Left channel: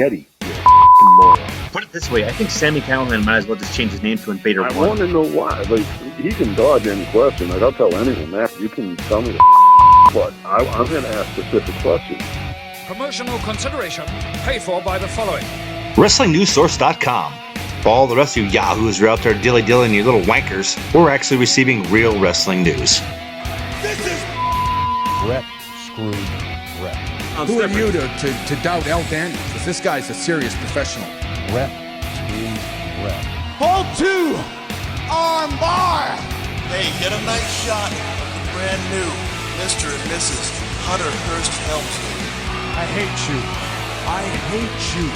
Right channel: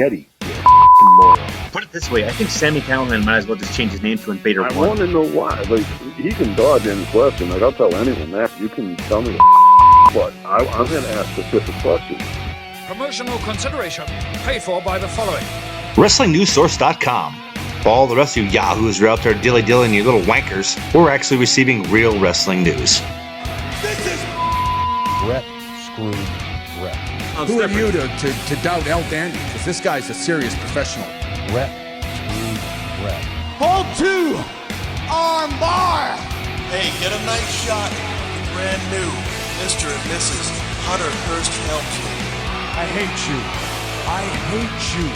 Yeti. You're a f***ing moron. Put it this way, I think Sami Callihan might as well just change his name to Invader 1. I want to know why. Like, he can dodge any question. Like, I'll tell anyone that. You can tell me but I'm going to ask specific questions. Promotional consideration paid for by the following. WrestlingNewsSource.com. For all the rest of you yahoos who are out there dilly-dillying you little wankers, we're actually receiving real wrestling news. This is Brett screwed Brett. Who are you to doubt El Dandy? Because this guy's a serious professional. Brett screwed Brett. Hold 2, arm bar. Hey, get a nice shot of the brand new Mr. and Mrs. Hunter Hearst Helmsley. I hate you. I hate you.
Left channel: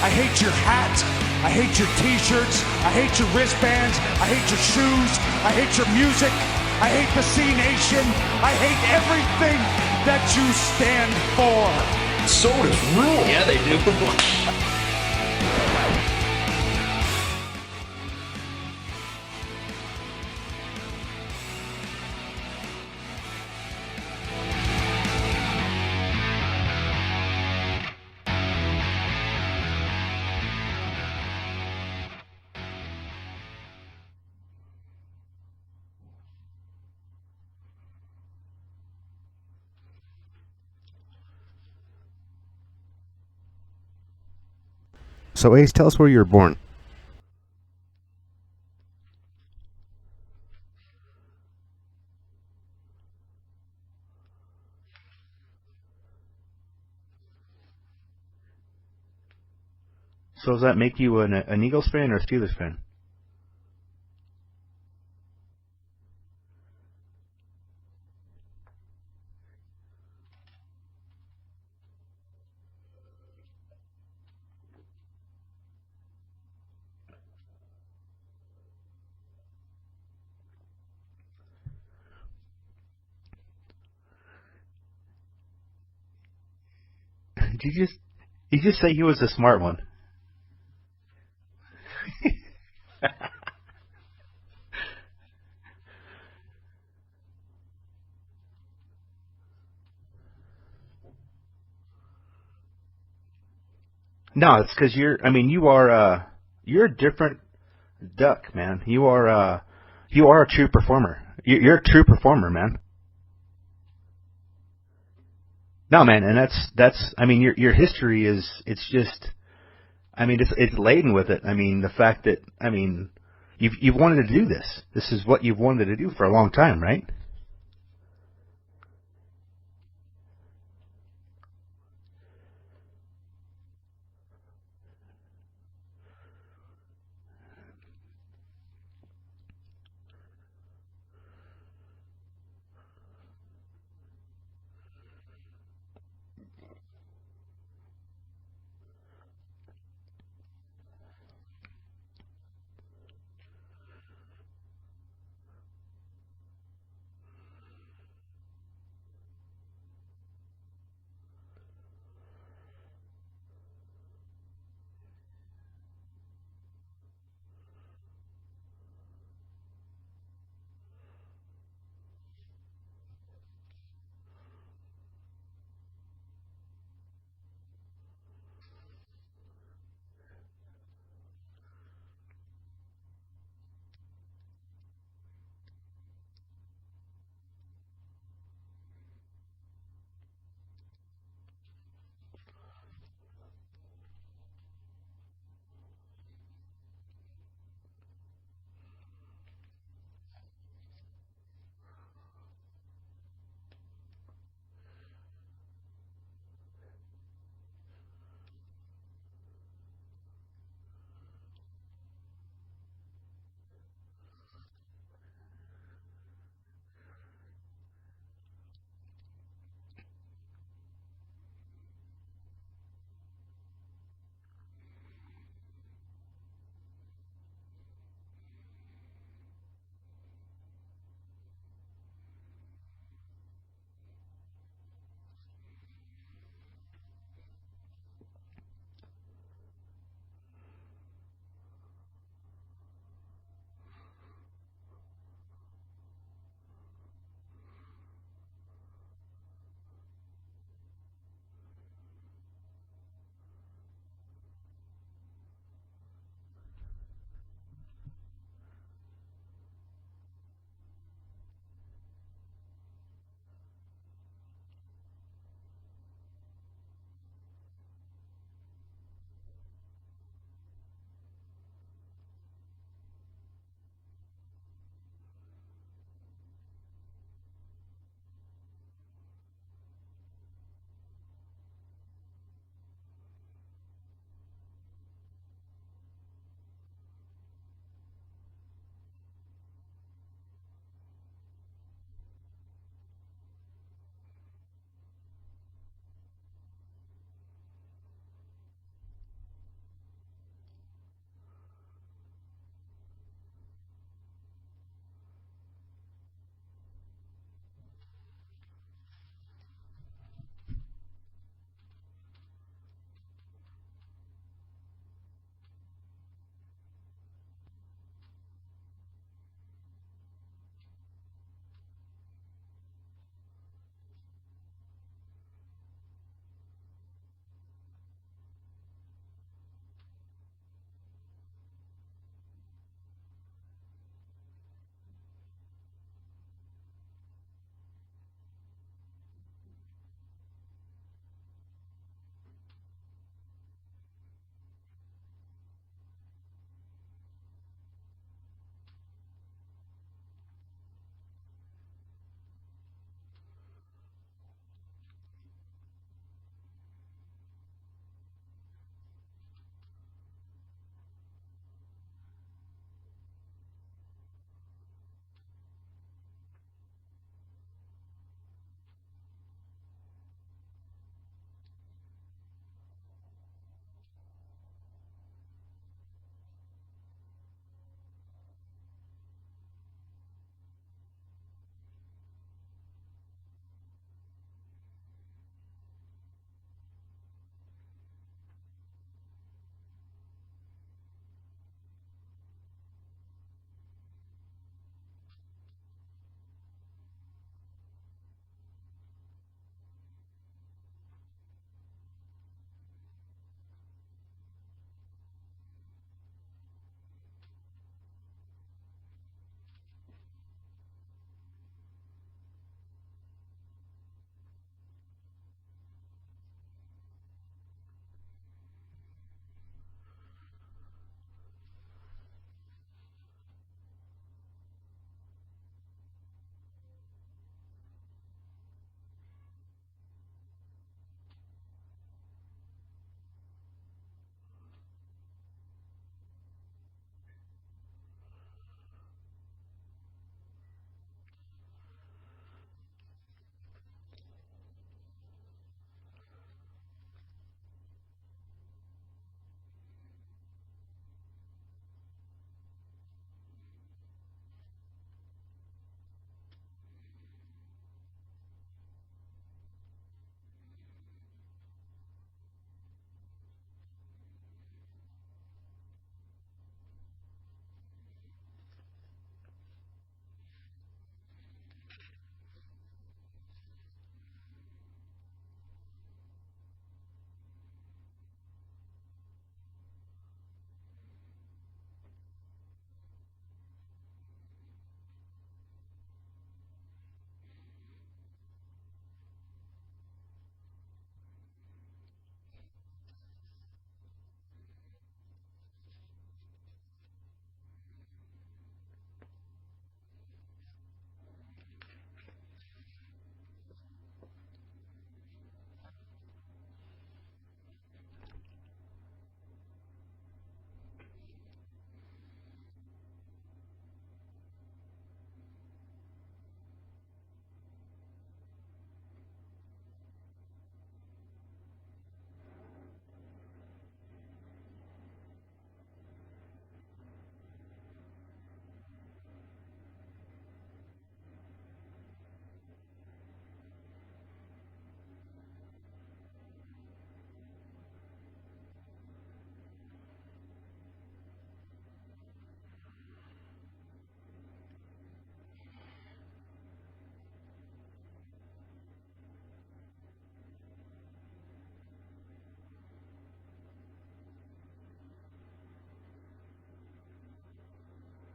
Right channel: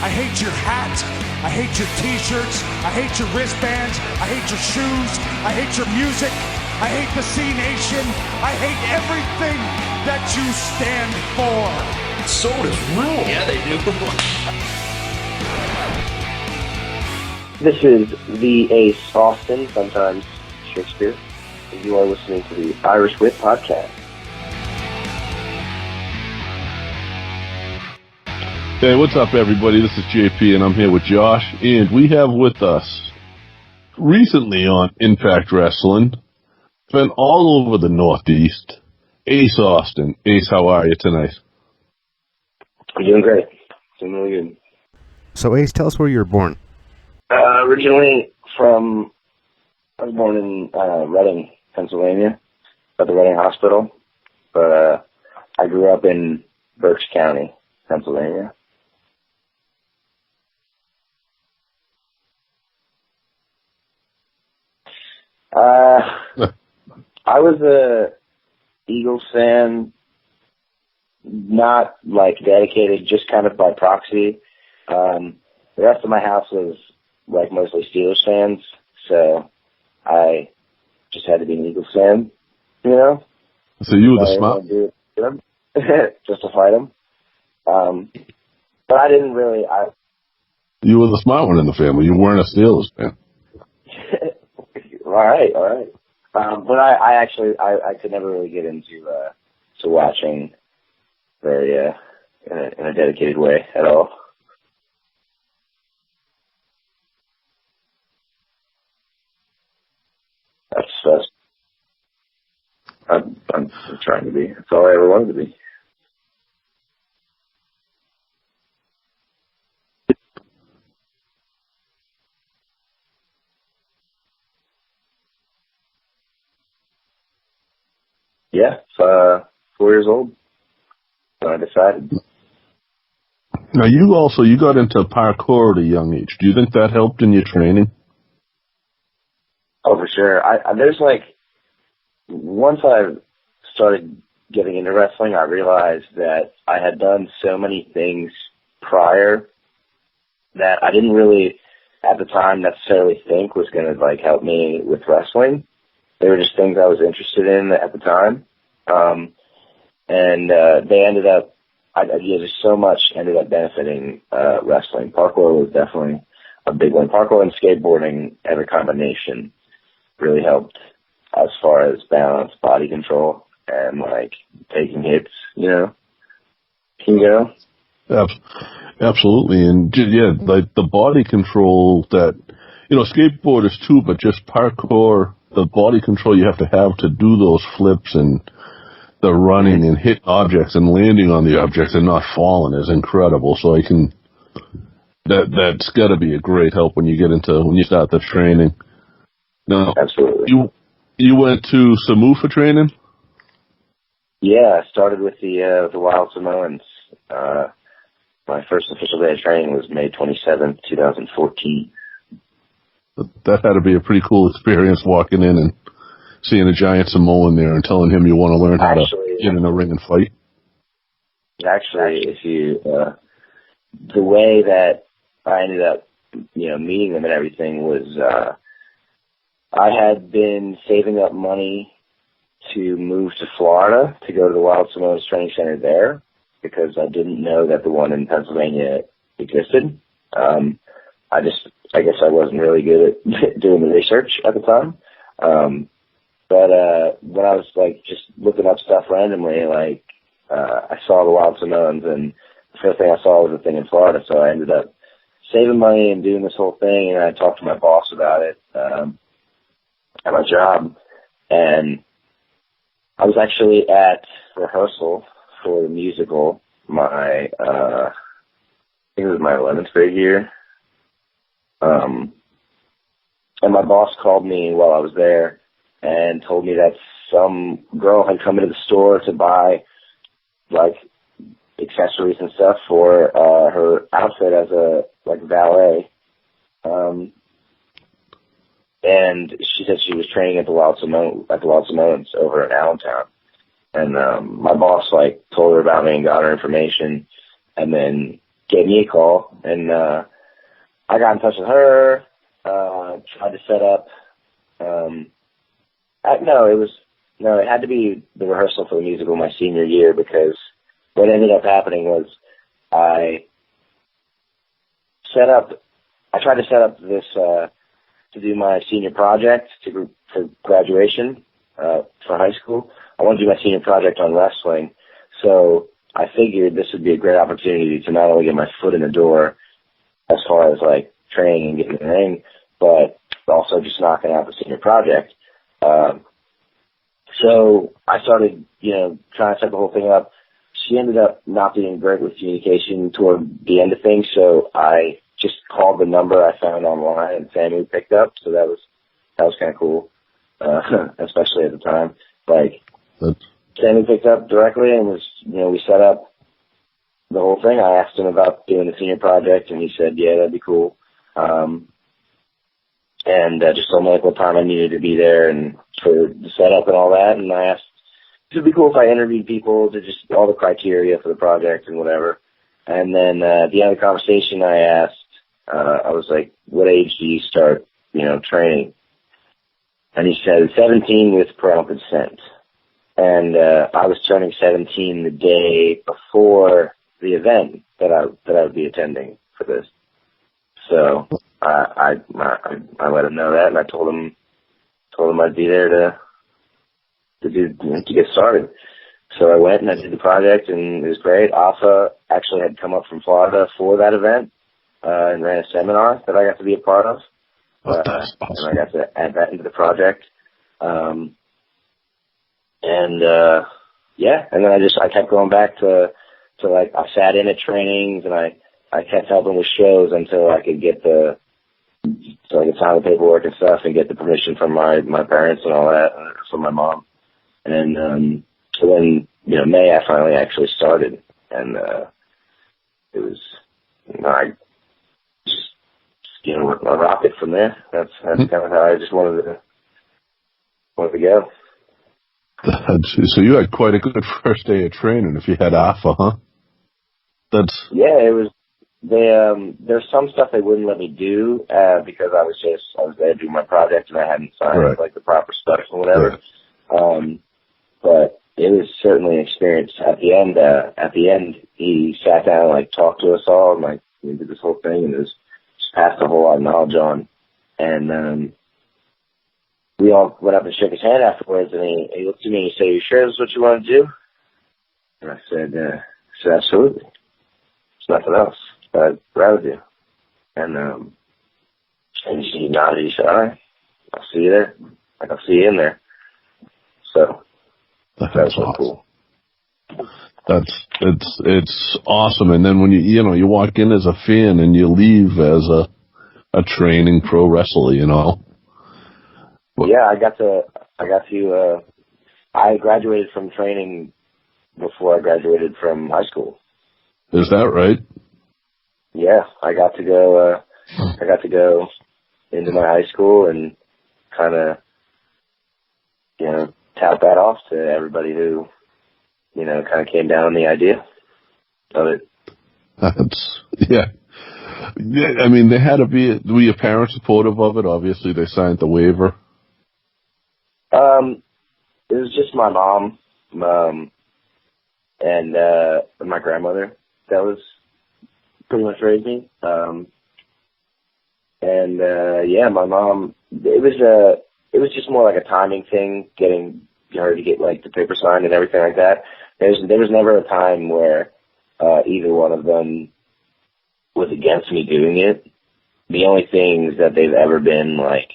I hate your hat. I hate your t-shirts. I hate your wristbands. I hate your shoes. I hate your music. I hate the C-Nation. I hate everything that you stand for. Sodas rule. Yeah, they do. This is the Ace Austin, sometimes Shakespeare, and you are listening to the Irish Whip Podcast. Hey, what's up, everybody? This is JP, and I'm here with Josh, and we have with us, recently on Impact Wrestling, been all over the Northeast, Ace Austin. Ace, how are you tonight? I'm doing great. Doing really good. So, Ace, tell us where you were born. Originally I was born in Reading, Pennsylvania, at the Reading Hospital, but I grew up in Berks County, Pennsylvania. So does that make you an Eagles fan or a Steelers fan? I was a Eagles fan, not like dedicated, just kind of by proxy. The rest of my house was like mostly Steelers fans, so I just had to be an Eagles fan, you know? So you were the smart just to fight them. You just say you were the smart one. You were the smart one in the family. You weren't a Steelers fan. All right. But I could never really get into to watching very in a dedicated way at all. No, it's because you're a different duck, man. You are a true performer. You're a true performer, man. I'm trying to be. That's all I ever wanted to be. No, man, and that's. I mean, your history is. It's just. I mean, it's laden with it. I mean, the fact that you've wanted to do this. This is what you've wanted to do for a long time, right? Yeah, 4 years old when I decided. Now, you got into parkour at a young age. Do you think that helped in your training? Oh, for sure. There's like, once I started getting into wrestling, I realized that I had done so many things prior that I didn't really, at the time, necessarily think was going to like help me with wrestling. They were just things I was interested in at the time. And they ended up, just so much ended up benefiting wrestling. Parkour was definitely a big one. Parkour and skateboarding as a combination really helped as far as balance, body control, and like taking hits, you know. Can you go? Absolutely. And yeah, like the body control that, skateboarders too, but just parkour, the body control you have to do those flips and the running and hitting objects and landing on the objects and not falling is incredible. So that's got to be a great help when you start the training. Now, absolutely. You went to Samoa for training? Yeah, I started with the Wild Samoans. My first official day of training was May 27th, 2014. That had to be a pretty cool experience walking in and seeing a giant Samoan there and telling him you want to learn how to get in a ring and fight. Actually, the way that I ended up, meeting them and everything was, I had been saving up money to move to Florida to go to the Wild Samoans Training Center there, because I didn't know that the one in Pennsylvania existed. I guess I wasn't really good at doing the research at the time. But when I was like just looking up stuff randomly, like I saw the Wild Samoans, and first thing I saw was a thing in Florida, so I ended up saving money and doing this whole thing, and I talked to my boss about it at my job, and I was actually at rehearsal for the musical I think it was my 11th grade year, and my boss called me while I was there and told me that some girl had come into the store to buy, like, accessories and stuff for her outfit as a, like, valet. And she said she was training at the Wild Samoans over in Allentown. And my boss, like, told her about me and got her information and then gave me a call. And I got in touch with her, tried to set up it had to be the rehearsal for the musical my senior year, because what ended up happening was I tried to set up this to do my senior project for graduation for high school. I wanted to do my senior project on wrestling, so I figured this would be a great opportunity to not only get my foot in the door as far as, like, training and getting in the ring, but also just knocking out the senior project. So I started, trying to set the whole thing up. She ended up not being great with communication toward the end of things, so I just called the number I found online, and Sami picked up. So that was kind of cool, especially at the time. Like, Sami picked up directly and was, we set up the whole thing. I asked him about doing the senior project, and he said, yeah, that'd be cool. And just told me, like, what time I needed to be there and for the setup and all that. And I asked, it'd be cool if I interviewed people to just all the criteria for the project and whatever. And then at the end of the conversation, I asked, I was like, what age do you start, training? And he said 17 with parental consent. And I was turning 17 the day before the event that I would be attending for this. So I let him know that, and I told him I'd be there to get started. So I went and I did the project, and it was great. Alpha actually had come up from Florida for that event and ran a seminar that I got to be a part of. That's awesome. And I got to add that into the project. And then I kept going back to like, I sat in at trainings, and I kept helping with shows until I could get so I could sign the paperwork and stuff and get the permission from my parents and all that, from my mom. And so then, May, I finally actually started, and it was, I just, I rocked it from there. That's kind of how I just wanted to go. So you had quite a good first day of training if you had Alpha, huh? Yeah, it was. There's some stuff they wouldn't let me do because I was there doing my project and I hadn't signed like the proper stuff and whatever. Right. But it was certainly an experience. At the end, he sat down and, like, talked to us all, and, like, we did this whole thing, and it was just passed a whole lot of knowledge on. And we all went up and shook his hand afterwards, and he looked at me and he said, "Are you sure this is what you want to do?" And I said, "Absolutely. There's nothing else that I'd rather do." And he nodded. He said, "All right, I'll see you there. Like, I'll see you in there." So that was awesome. Cool. It's awesome. And then when you walk in as a fan and you leave as a training pro wrestler, Yeah, I graduated from training before I graduated from high school. Is that right? Yeah, I got to go into my high school and kind of, tout that off to everybody who, kind of came down on the idea of it. Yeah. I mean, they had to be. Were your parents supportive of it? Obviously, they signed the waiver. It was just my mom, and my grandmother that was pretty much raised me. My mom. It was just more like a timing thing, getting her to get, like, the paper signed and everything like that. There was never a time where either one of them was against me doing it. The only things that they've ever been like,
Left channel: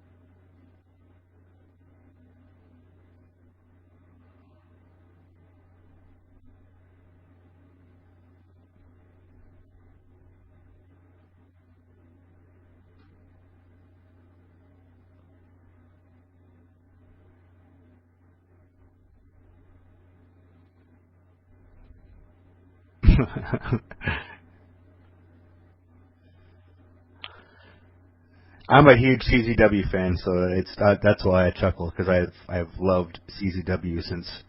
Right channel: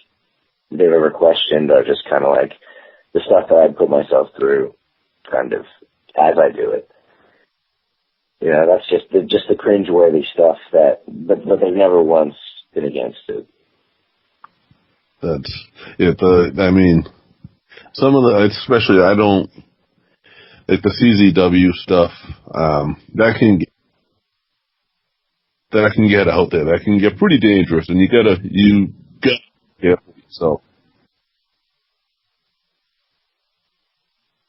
they've ever questioned are just kind of like the stuff that I put myself through kind of as I do it. You know, that's just the cringeworthy stuff but they've never once been against it. That's it. I mean, some of the, especially I don't like the CZW stuff. That can get out there. That can get pretty dangerous, and I'm a huge CZW fan, so that's why I chuckle, because I've loved CZW since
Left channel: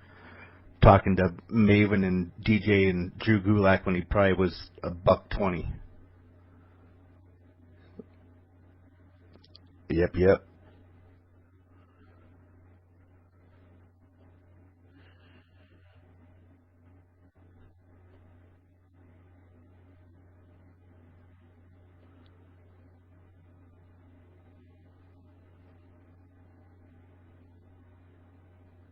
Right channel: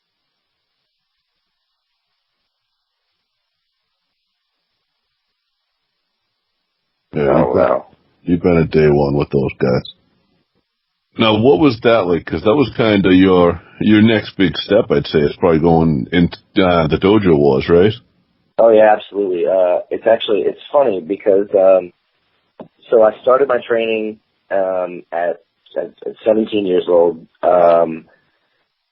talking to Maven and DJ and Drew Gulak when he probably was $120. Yeah, oh wow! You've been at day one with those guys. Yep. Now, what was that like? Because that was kind of your next big step, I'd say. It's probably going into the Dojo Wars, right? Oh yeah, absolutely. It's funny because so I started my training at 17 years old.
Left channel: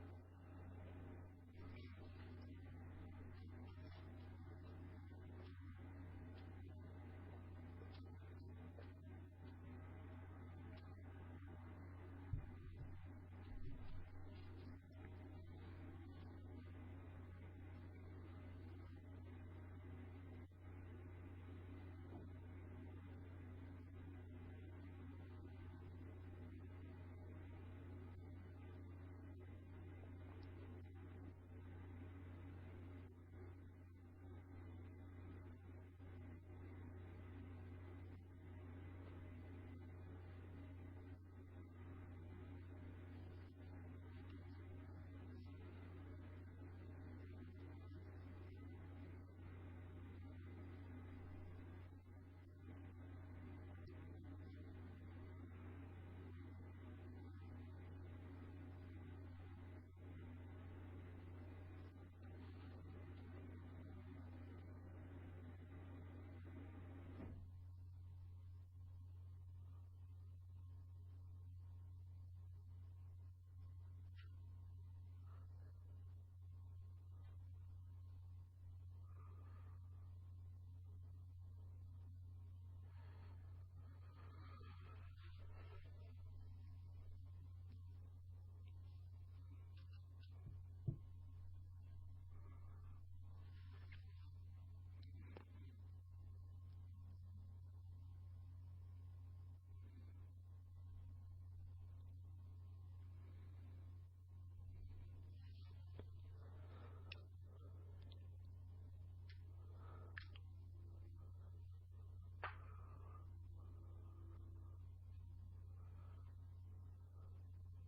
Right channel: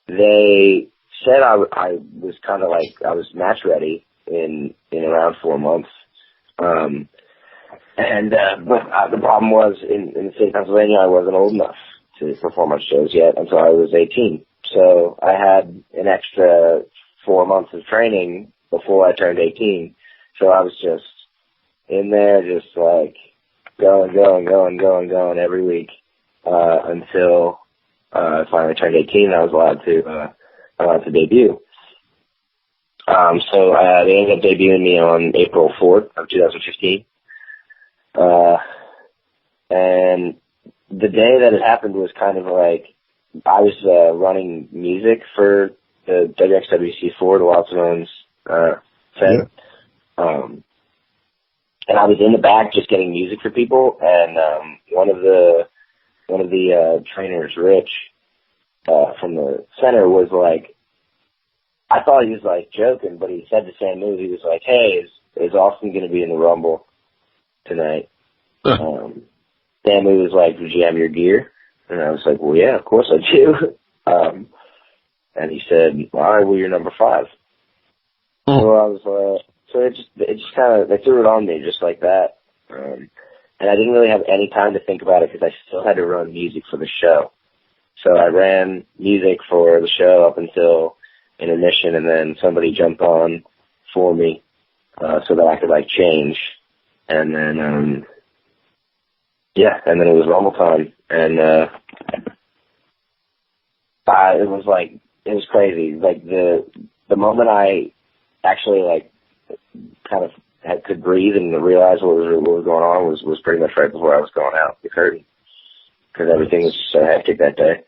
They said I was kind of like I was match ready in around 4 months. But the problem was in the state of Pennsylvania, I wasn't old enough to perform on shows yet until I was 18. So I had an extra 4 months of training before I turned 18. So I was just in there, just like going every week until I finally turned 18 and I was allowed to debut. So they ended up debuting me on April 4th of 2015. And the day that it happened was kind of like I was running music for the WXWC4, the Wild Simone's Fed. Yeah. And I was in the back just getting music for people, and one of the trainers, Rich, from the center was like, I thought he was like joking, but he said to Samu, he was like, "Hey, is Austin going to be in the Rumble tonight?" Samu was like, "Did you have your gear?" And I was like, "Well, yeah, of course I do." And he said, "All right, well, you're number 5." So I was, so it just kind of, they threw it on me just like that. And I didn't really have any time to think about it because I still had to run music for the show. So I ran music for the show up until intermission, and then somebody jumped on for me so that I could like change. And then, and then it was Rumble time. And it was crazy. Like the moment I actually like kind of could breathe and realize what was going on was pretty much right before I was going out the curtain, because everything was so hectic that day.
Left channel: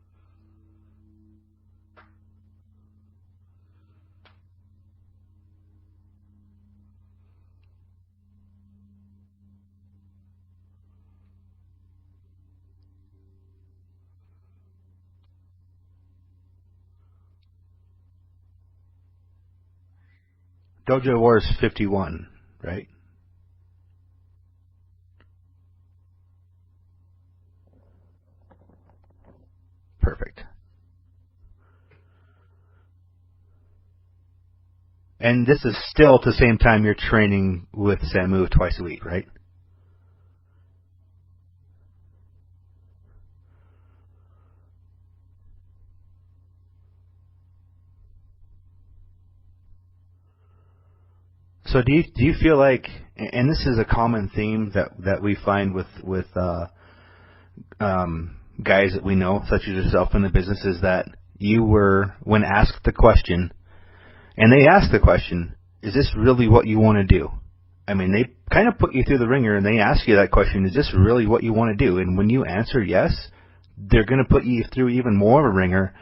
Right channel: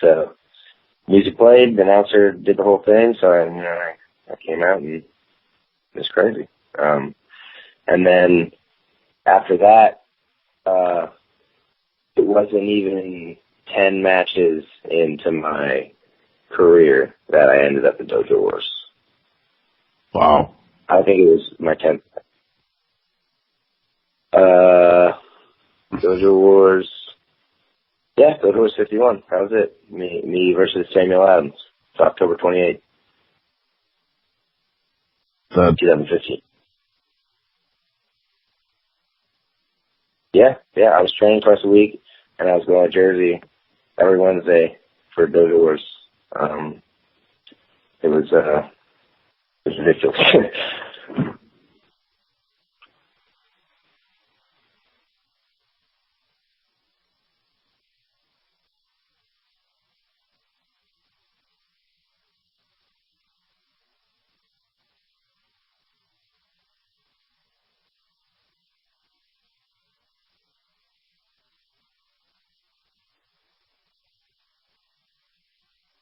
So music played, the announcer did the whole thing, so I came out and it was crazy. And then after that, it wasn't even 10 matches into my career that I ended up in Dojo Wars. Wow. Dojo Wars 51, right? Dojo Wars. Yeah, Dojo Wars 51. That was it. Me versus Samuel Adams. It's October 28th. And this is still at the same time you're training with Samu twice a week, right? Yeah. I was training twice a week, and I was going to Jersey every Wednesday for Dojo Wars. It was ridiculous. So do you feel like, and this is a common theme that we find with guys that we know, such as yourself in the business, is that you were, when asked the question, and they ask the question, is this really what you want to do? I mean, they kind of put you through the ringer and they ask you that question, is this really what you want to do? And when you answer yes, they're going to put you through even more of a ringer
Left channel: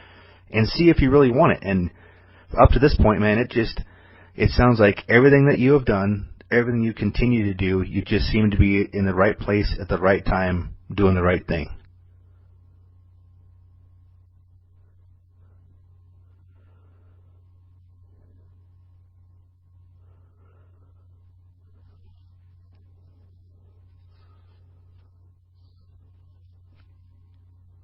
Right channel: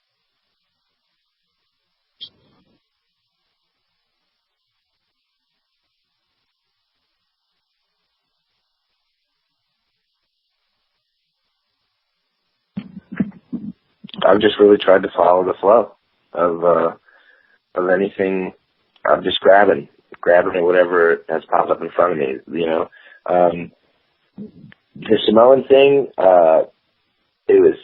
and see if you really want it. And up to this point, man, it sounds like everything that you have done, everything you continue to do, you just seem to be in the right place at the right time, doing the right thing. I've just really tried to follow the flow of anything. I'm just grabbing at whatever has popped up in front of me, you know. The Samoan thing, it was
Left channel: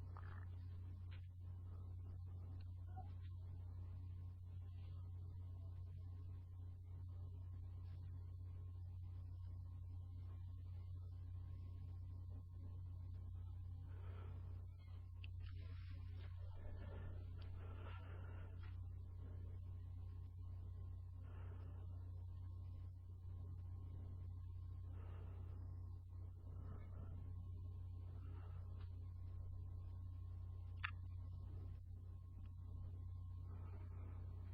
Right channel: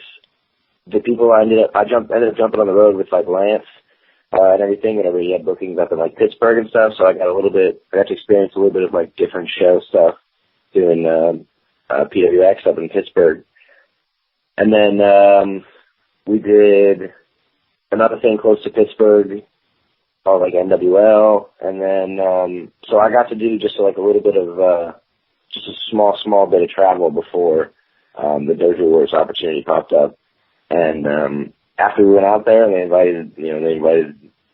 the people I ended up jumping on the road with, like Lance, and everything, whenever he had bookings up in like Pittsburgh and stuff. So I got to experience a little bit of like different show stuff doing PWX up in Pittsburgh. And then we did another thing close to Pittsburgh called like NWL. And then so I got to do just like a little bit of just a small bit of travel before the Dojo Wars opportunity popped up. And after we went out there, they invited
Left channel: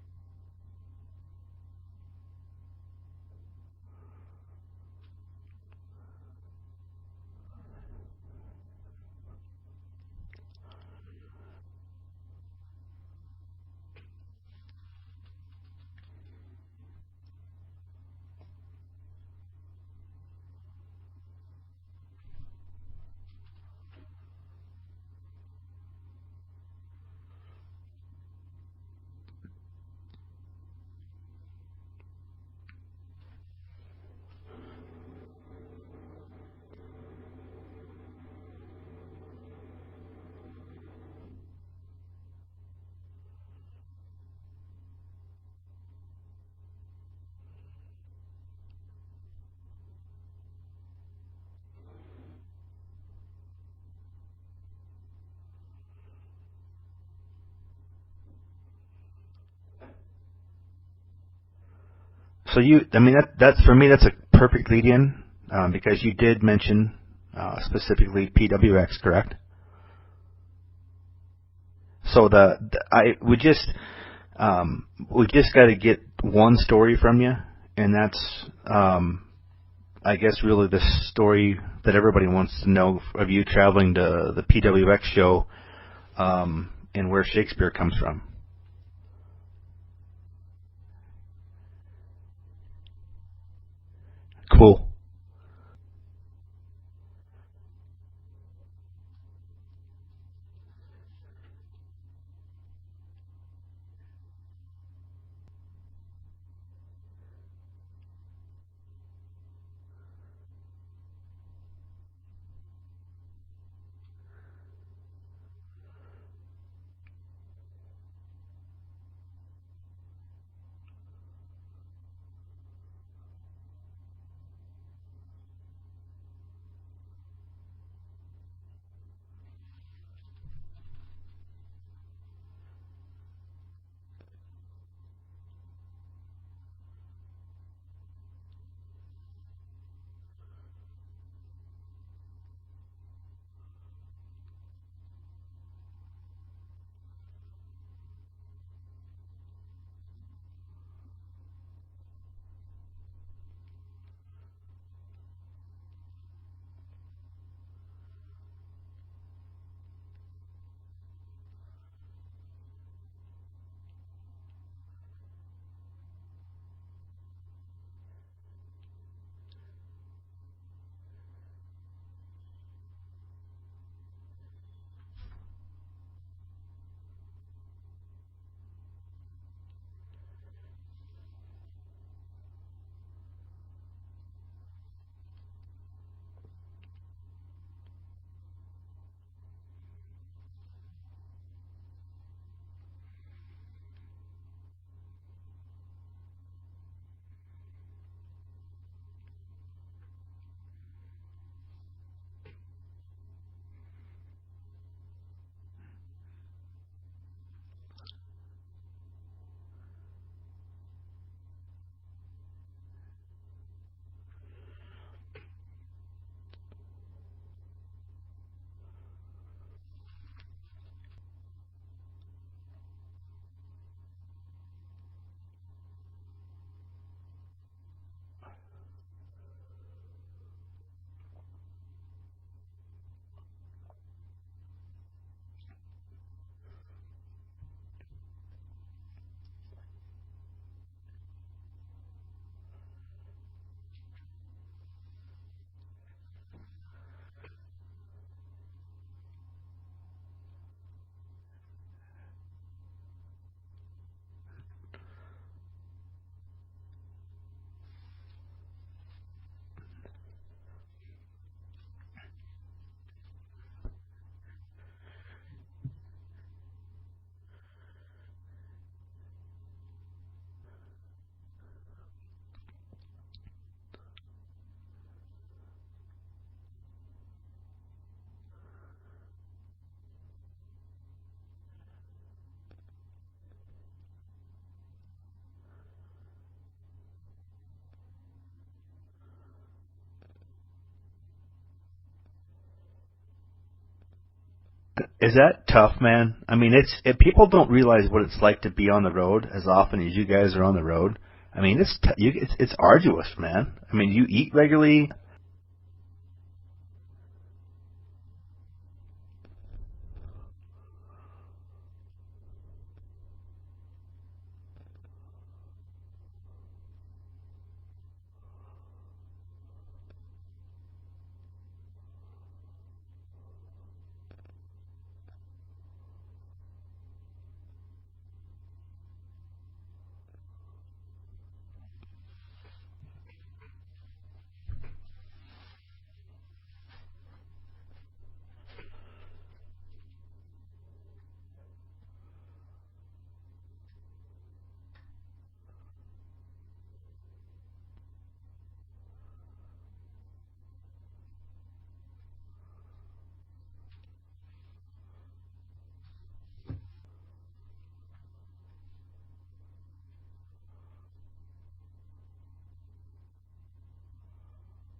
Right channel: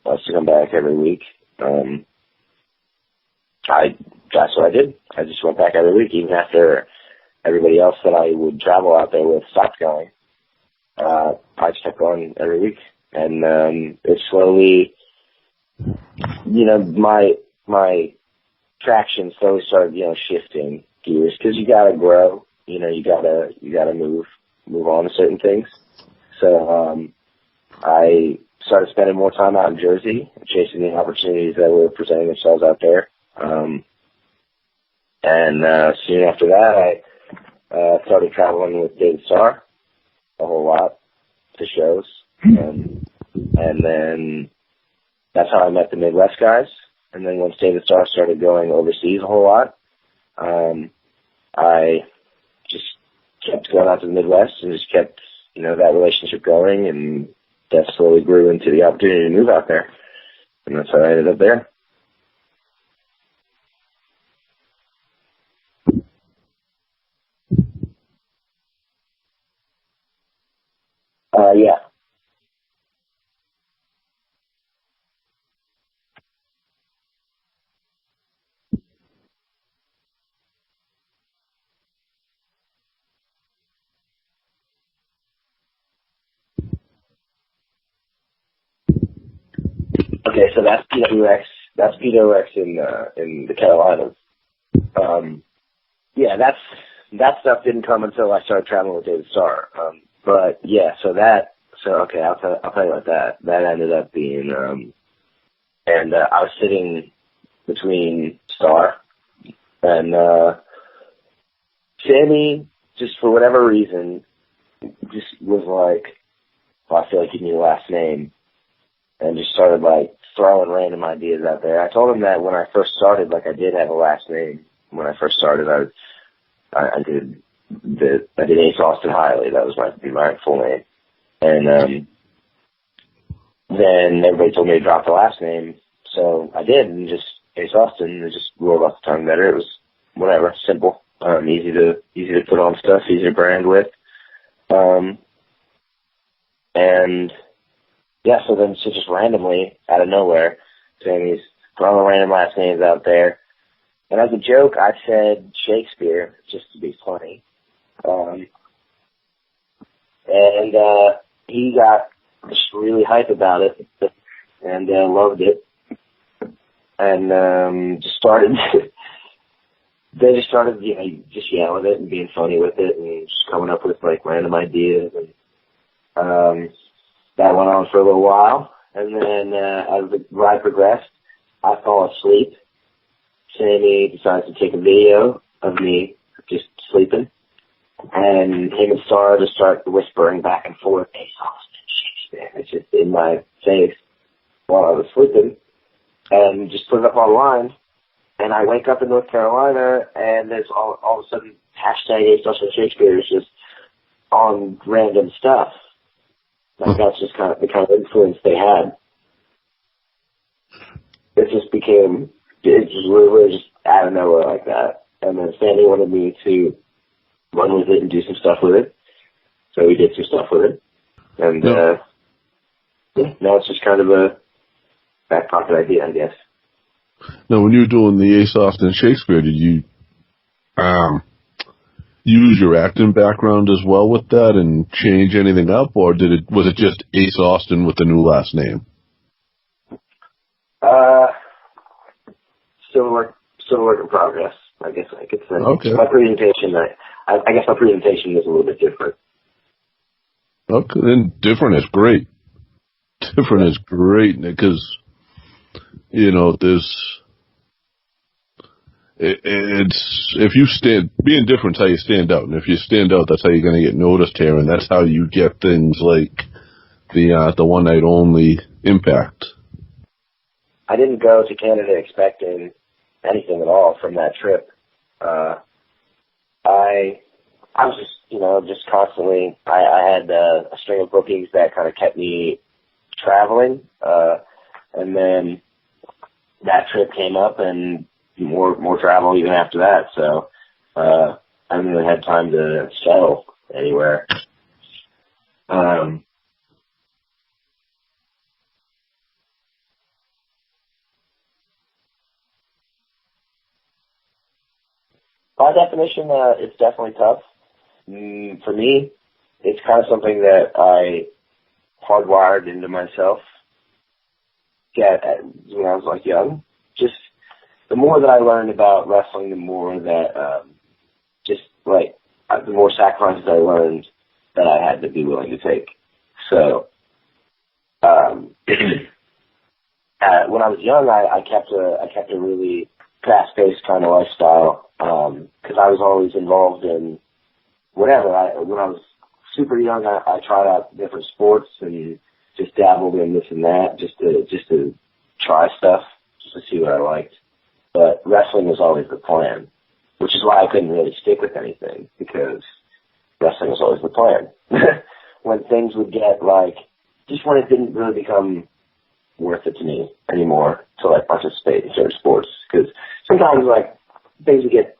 us to come back every week. That's what I did. I just went back every week, even after everybody else that I would travel out there with stopped going. I just kept going every week, and it slowly, my traction slowly started, shifting gears, because you gotta grow, you gotta move on to certain things. So I started spending more time out in Jersey, chasing the opportunities that were presenting themselves out there. And soon after that, I started traveling with David Starr a whole lot to shows. And then that's how I met the Midwest guys. And then once David Starr started going overseas a whole lot, I just kept going out to the Midwest and just kept, that relationship going, and that slowly grew into the opportunity to move out there. And that's how I ended up there. So that's for me, that's a perfect lead-in, because you did mention specifically PWX, correct? Yeah. So we just got to get one story from you, and that's I guess really the story that everybody wants to know of you traveling to the PWX show, and where Shakespeare comes from. Okay, so that's PWX. That's PWX in the Carolinas. Cool. Yeah, that stuff didn't come until I started traveling with David Starr. But yeah, okay, I'll tell you about that. That ended up being, and I was sitting between Starr and Sammy, just for whatever reason, just was like, well, I feel like you need a last name, and just started like throwing random ideas out there. I told him that when I first started, like I did have a last name. When I first started, I did Ace Austin Hiley. That was my full name. And then everybody told me to drop the last name, so I did, and just Ace Austin. It just rolled off the tongue better. It was whatever, simple, easy to put on stuff, easy to brand with. And yeah, so just randomly out of nowhere, Sammy's throwing random last names out there. And as a joke, I said Shakespeare, just to be funny. And he got just really hype about it, and loved it. And they just started, just yelling it and being funny with it, and just coming up with like random ideas. And that went on for a little while. And then as the ride progressed, I fall asleep. Sammy decides to take a video of me just sleeping, and him and Starr just start whispering back and forth, Ace Austin, Shakespeare. It's just in my face while I was sleeping, and just put it up online. And I wake up in North Carolina, and there's all of a sudden hashtag Ace Austin Shakespeare is just on random stuff. Like that's just kind of the kind of influence they had. It just became. It just really just out of nowhere like that. And then Sandy wanted me to run with it and do some stuff with it. So we did some stuff with it. And now it's just kind of a back pocket idea, I guess. Now, when you were doing the Ace Austin Shakespeare, did you use your acting background as well with that and change anything up, or was it just Ace Austin with the new last name? Still work in progress, I guess I could say. Okay. My presentation, I guess my presentation is a little bit different. Okay, then different is great. Different is great, because, being different is how you stand out, and if you stand out, that's how you're going to get noticed here, and that's how you get things like the one night only impact I didn't go to Canada expecting anything at all from that trip. I was just constantly, I had a string of bookings that kind of kept me traveling, and then that trip came up and more travel even after that, so I haven't really had time to settle anywhere. Is that tough, man? I mean, people don't realize what it's like to be on the road as often as you guys are on the road. I mean, it's arduous, man. I mean, you eat regularly. By definition, it's definitely tough. For me, it's kind of something that I hardwired into myself. Yeah, when I was like young. Just the more that I learned about wrestling, the more that the more sacrifices I learned that I had to be willing to take. So, when I was young, I kept a really fast-paced kind of lifestyle because I was always involved in whatever. When I was super young, I tried out different sports and just dabbled in this and that, just to try stuff, just to see what I liked. But wrestling was always the plan, which is why I couldn't really stick with anything, because wrestling was always the plan. When things would get just when it didn't really become worth it to me anymore to participate in certain sports, because sometimes things would get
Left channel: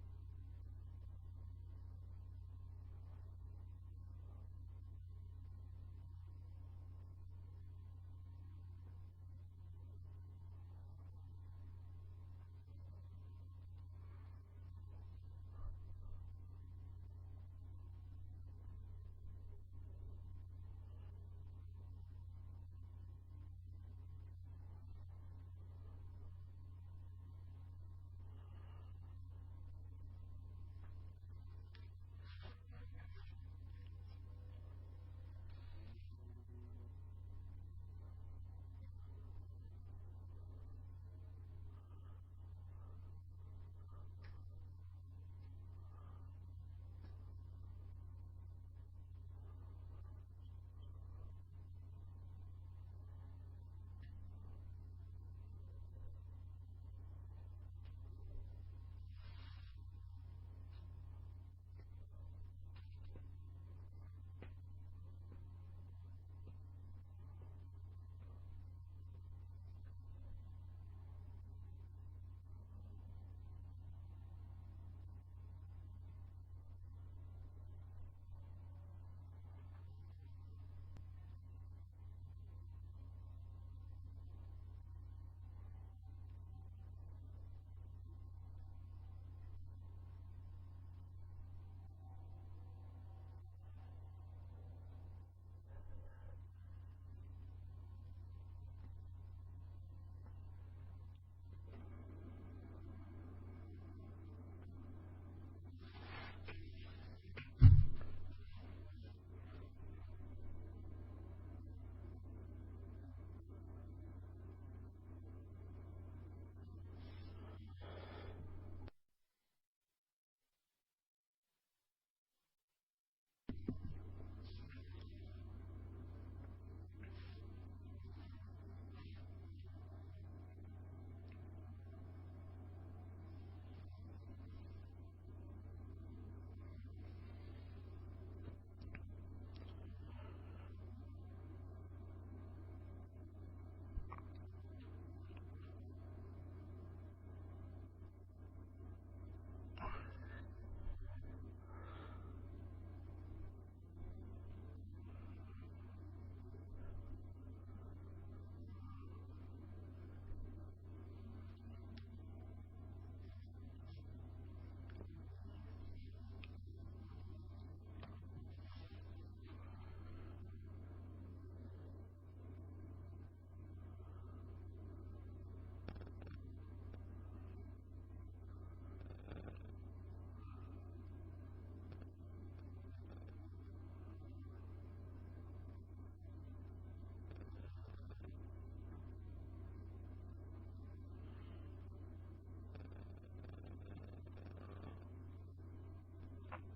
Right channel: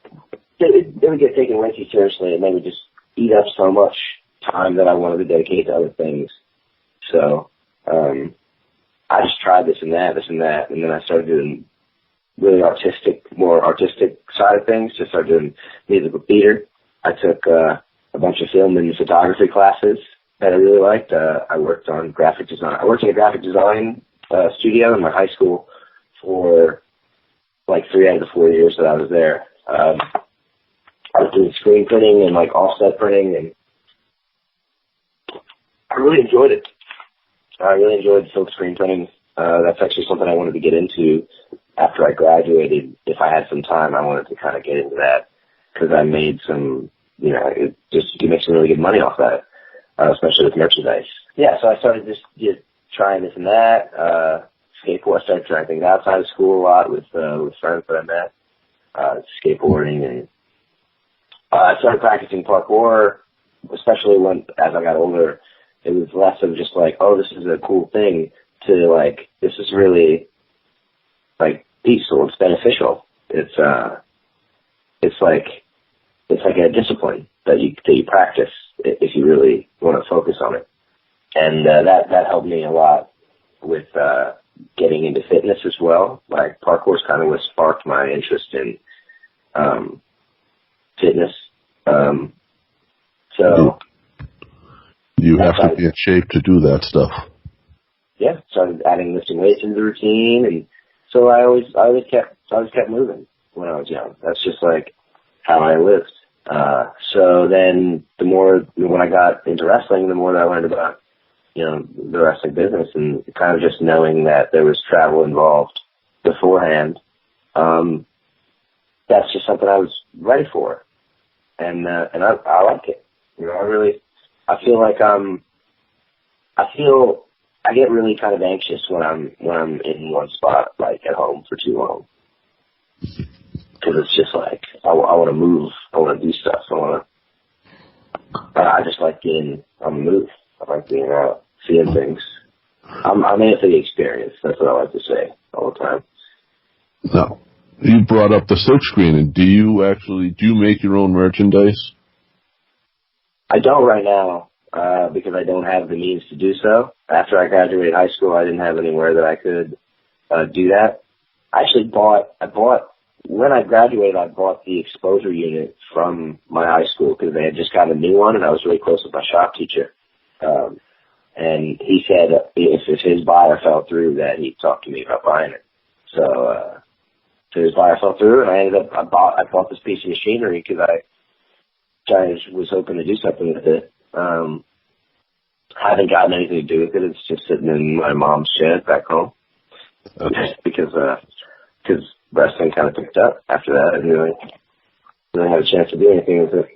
taken way too seriously, and they would just eat up so much time that I wanted to dedicate to other things. So I just tried this and that, and then I started doing really more artistic side of things. Just started doing musical theater. I took a bunch of film and photography classes that I really liked. I worked on graphic design. I worked in a graphic design studio in my high school for 3 out of the 4 years that I was there. I was doing screen printing and offset printing, and I really enjoyed it. I really enjoyed silk screen printing. That's actually something I wanted to get into after I graduated. If I had some time, I wanted to kind of get into that, because I made some, you can make some really good money off that, especially with merchandise. Yeah, so I started just trying this and that. Skateboard. I started trying things outside of school a lot with friends that I met, skateboarding, and I started practicing parkour, especially as I got older. It was less of just oh, this is a cool thing, to this is really peaceful. It's beneficial. It's like a discipline that you practice if you really want to focus on it, and that helped me a lot with getting into fitness as well. Parkour's kind of what sparked my interest in fitness. So you have to be in shape to do that stuff. Yeah, started adding lifting weights into the routine, and so I always kept moving when I was young. That's just how I lived. So then when I got into wrestling, the more that I learned about the wrestling business, and kind of just knowing that there was travel involved beforehand, that's just something I was ready for, and I like it. I get really kind of anxious when I'm in one spot, at home for too long, because it's just I want to move, I want to do stuff, I just like being on the move. I like being out, seeing things. I'm in it for the experience. That's what I like to say all the time. Now, you brought up the silkscreen, and do you make your own merchandise? I don't right now, because I don't have the means to do so. After I graduated high school, I didn't have anywhere that I could do that. I actually when I graduated, I bought the exposure unit from my high school, because they had just got a new one, and I was really close with my shop teacher. And he said if his buyer fell through, that he'd talk to me about buying it. So his buyer fell through, and I bought this piece of machinery because I was hoping to do something with it. I haven't gotten anything to do with it. It's just sitting in my mom's shed back home. Okay. because wrestling kind of picked up after that. I didn't really have a chance to do anything with it.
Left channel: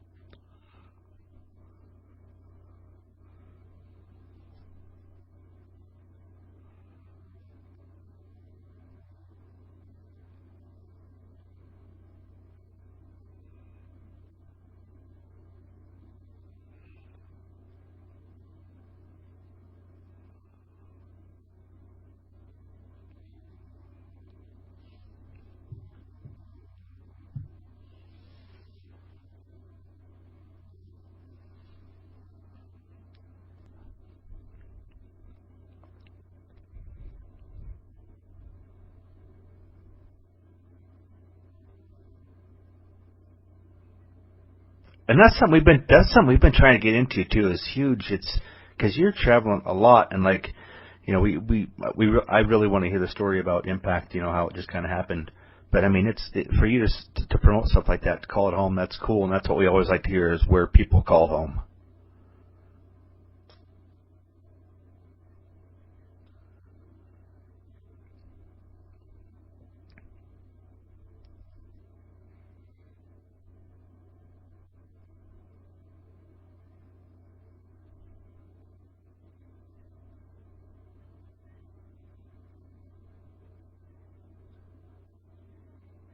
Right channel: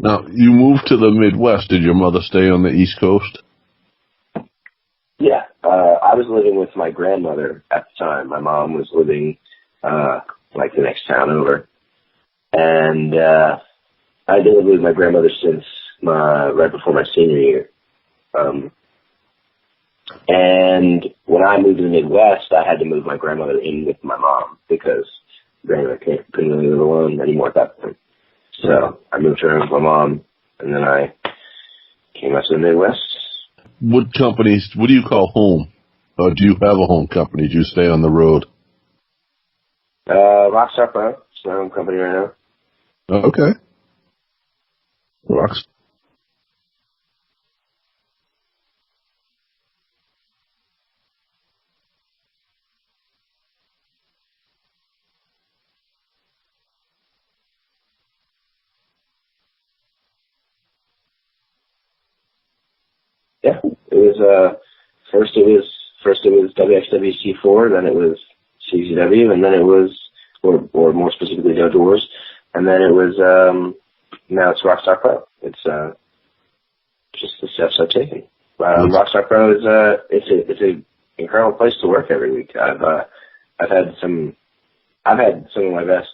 Now, you moved to the Midwest. Did your mother stay on the East Coast? Yeah. I was living with my grandmother at the time. My mom was living like the next town over, and I'd been living with my grandmother since right before my senior year. And when I moved to the Midwest, I had to move my grandmother in with my mom because grandmother couldn't really live alone anymore at that point. So I moved her in with my mom, and then I came out to the Midwest. What do you call home? Or do you have a home company? Do you stay on the road? Rockstar Pro. It's my own company right now. Okay. And that's something we've been trying to get into too. Is huge. It's because you're traveling a lot, and like, you know, I really want to hear the story about Impact. You know, how it just kind of happened. But I mean, for you to promote stuff like that, to call it home. That's cool, and that's what we always like to hear is where people call home. Yeah, it was first it was WXWC4, then it was CZW, and then it was, or more specifically, No Doors, and then it was now it's Rockstar Pro. It's just the steps I've taken. Rockstar Pro is it's an incredible place to work every week. I've had some of my best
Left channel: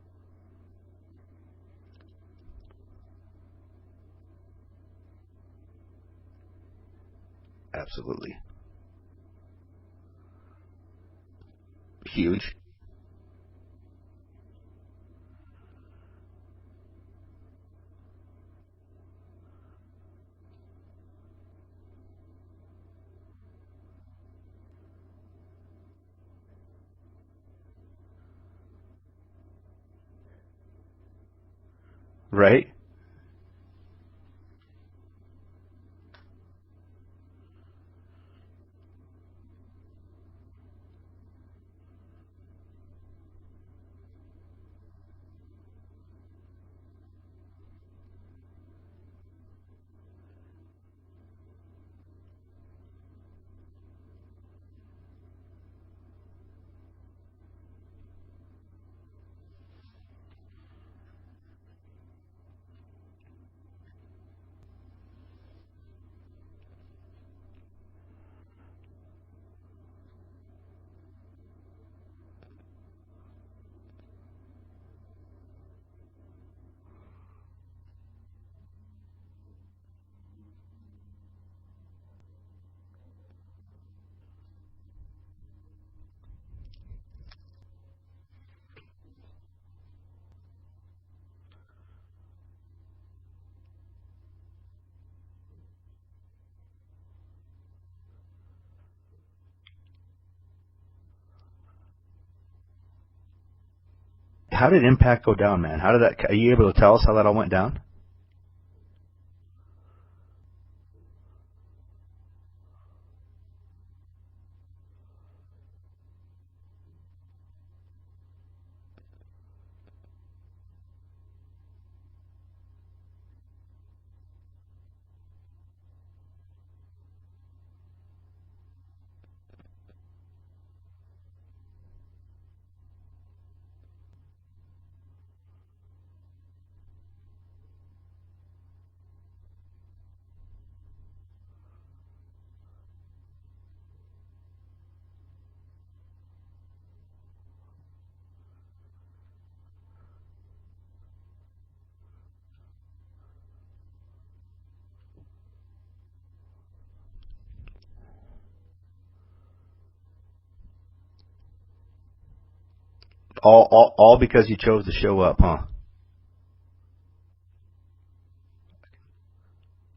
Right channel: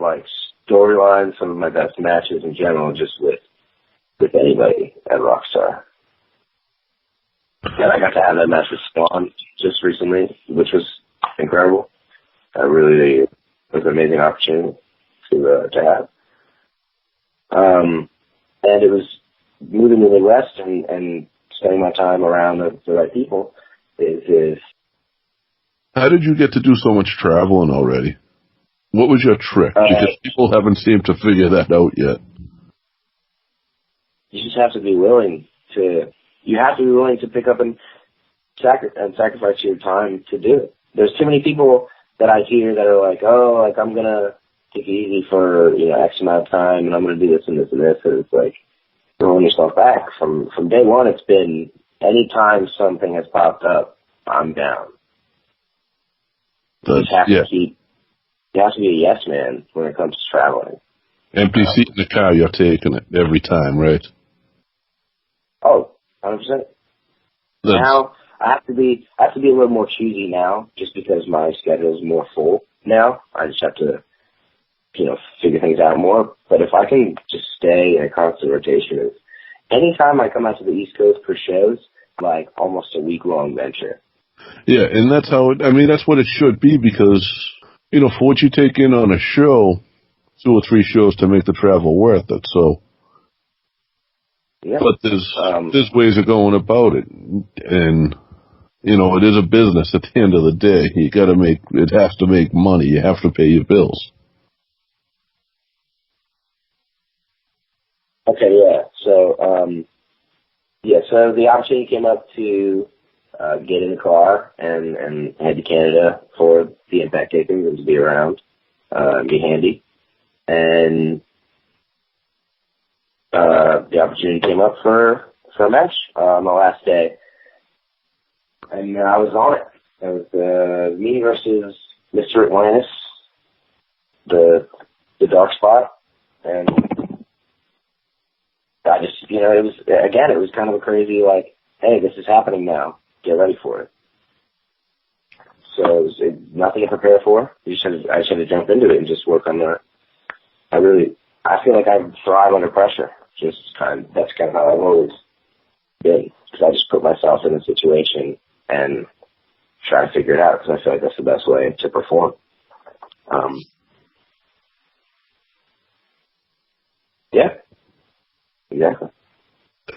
like storylines, some of my best matches in general, just with anybody at Rockstar. And I got to have that match with Spawn just recently, which was incredible. Huge. It was an amazing opportunity to have. And it was moving to the Midwest and spending my time around the right people is. How did you get to do so much traveling already? What was your trick? Because people haven't seemed to figure that out yet. Right. You just have to be willing to. You have to be willing to pick up and sacrifice your time to do it. There's too many people that I hear that are like, oh, like I'm gonna take it easy for X amount of time, and I'm gonna do this and this and this, and it's like throwing yourself back. From day one, it's been anytime something has popped up, I'm down. You have to be a yes man when it comes to traveling. Empty seat in the car, you're taking it every time, right? Oh, 100%. Now I have to be a little more choosy now, just because my schedule is more full now. I just have to, figure things out more. But if I can just stay in a constant rotation, anytime I come out to the East Coast for shows, like almost a week-long venture. Yeah, and that's that's what it should be, because, for what you take in on a show, 2 or 3 shows to make the travel worth it, so. Yeah. But there's ways of going about it, and, it is a business at the end of the day. It has to make money. You have to pay your bills. How did Impact go down, man? Are you able to tell us how that all went down? Okay, yeah. So, so the opportunity came up to get in the car and head to Canada for the Impact tapings and to be around, be handy. And the opportunity came up for a match on the last day. And I was on it. It was me versus Mr. Atlantis, the dark spot. And I just, it was kind of a crazy, like, hey, this is happening now. Get ready for it. So it was nothing to prepare for. I just had to jump into it and just work on that. I feel like I thrive under pressure. That's kind of how I've always been. Because I just put myself in a situation and try to figure it out, because I feel like that's the best way to perform. All because you chose to show up, huh? Yeah. Exactly.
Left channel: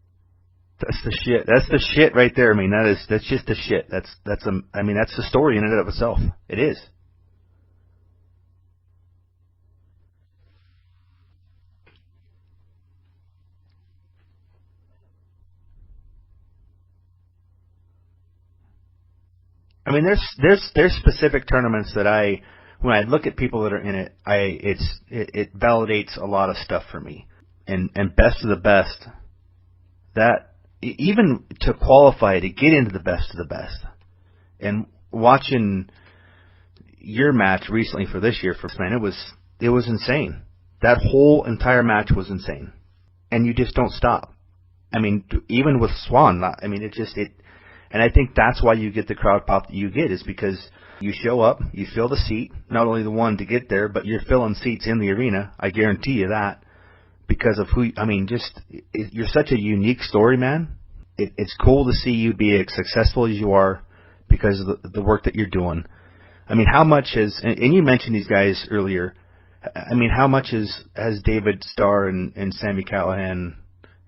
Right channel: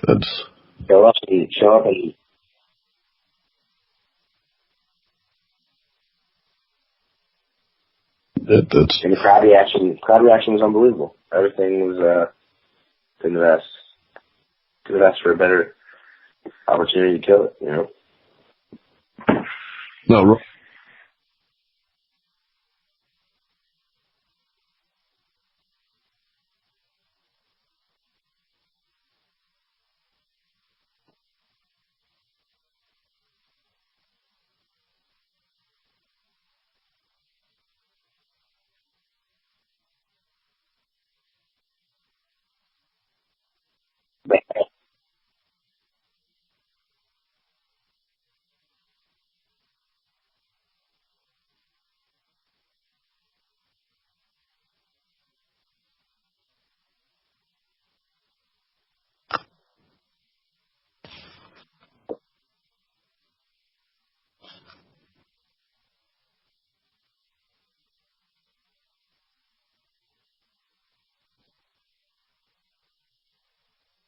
That's the shit. That's the shit right there. I mean, that's just the shit. That's the story in and of itself. It is. And the crowd reaction was unbelievable. Everything was been the best. Could have asked for a better opportunity to kill it, I mean, there's specific tournaments that when I look at people that are in it, it validates a lot of stuff for me. And best of the best, that even to qualify to get into the best of the best, and watching your match recently for this year, it was insane. That whole entire match was insane, and you just don't stop. I mean, even with Swan, And I think that's why you get the crowd pop that you get, is because you show up, you fill the seat, not only the one to get there, but you're filling seats in the arena. I guarantee you that, because of you're such a unique story, man. It's cool to see you be as successful as you are because of the work that you're doing. I mean, how much and you mentioned these guys earlier, I mean, how much has David Starr and Sami Callihan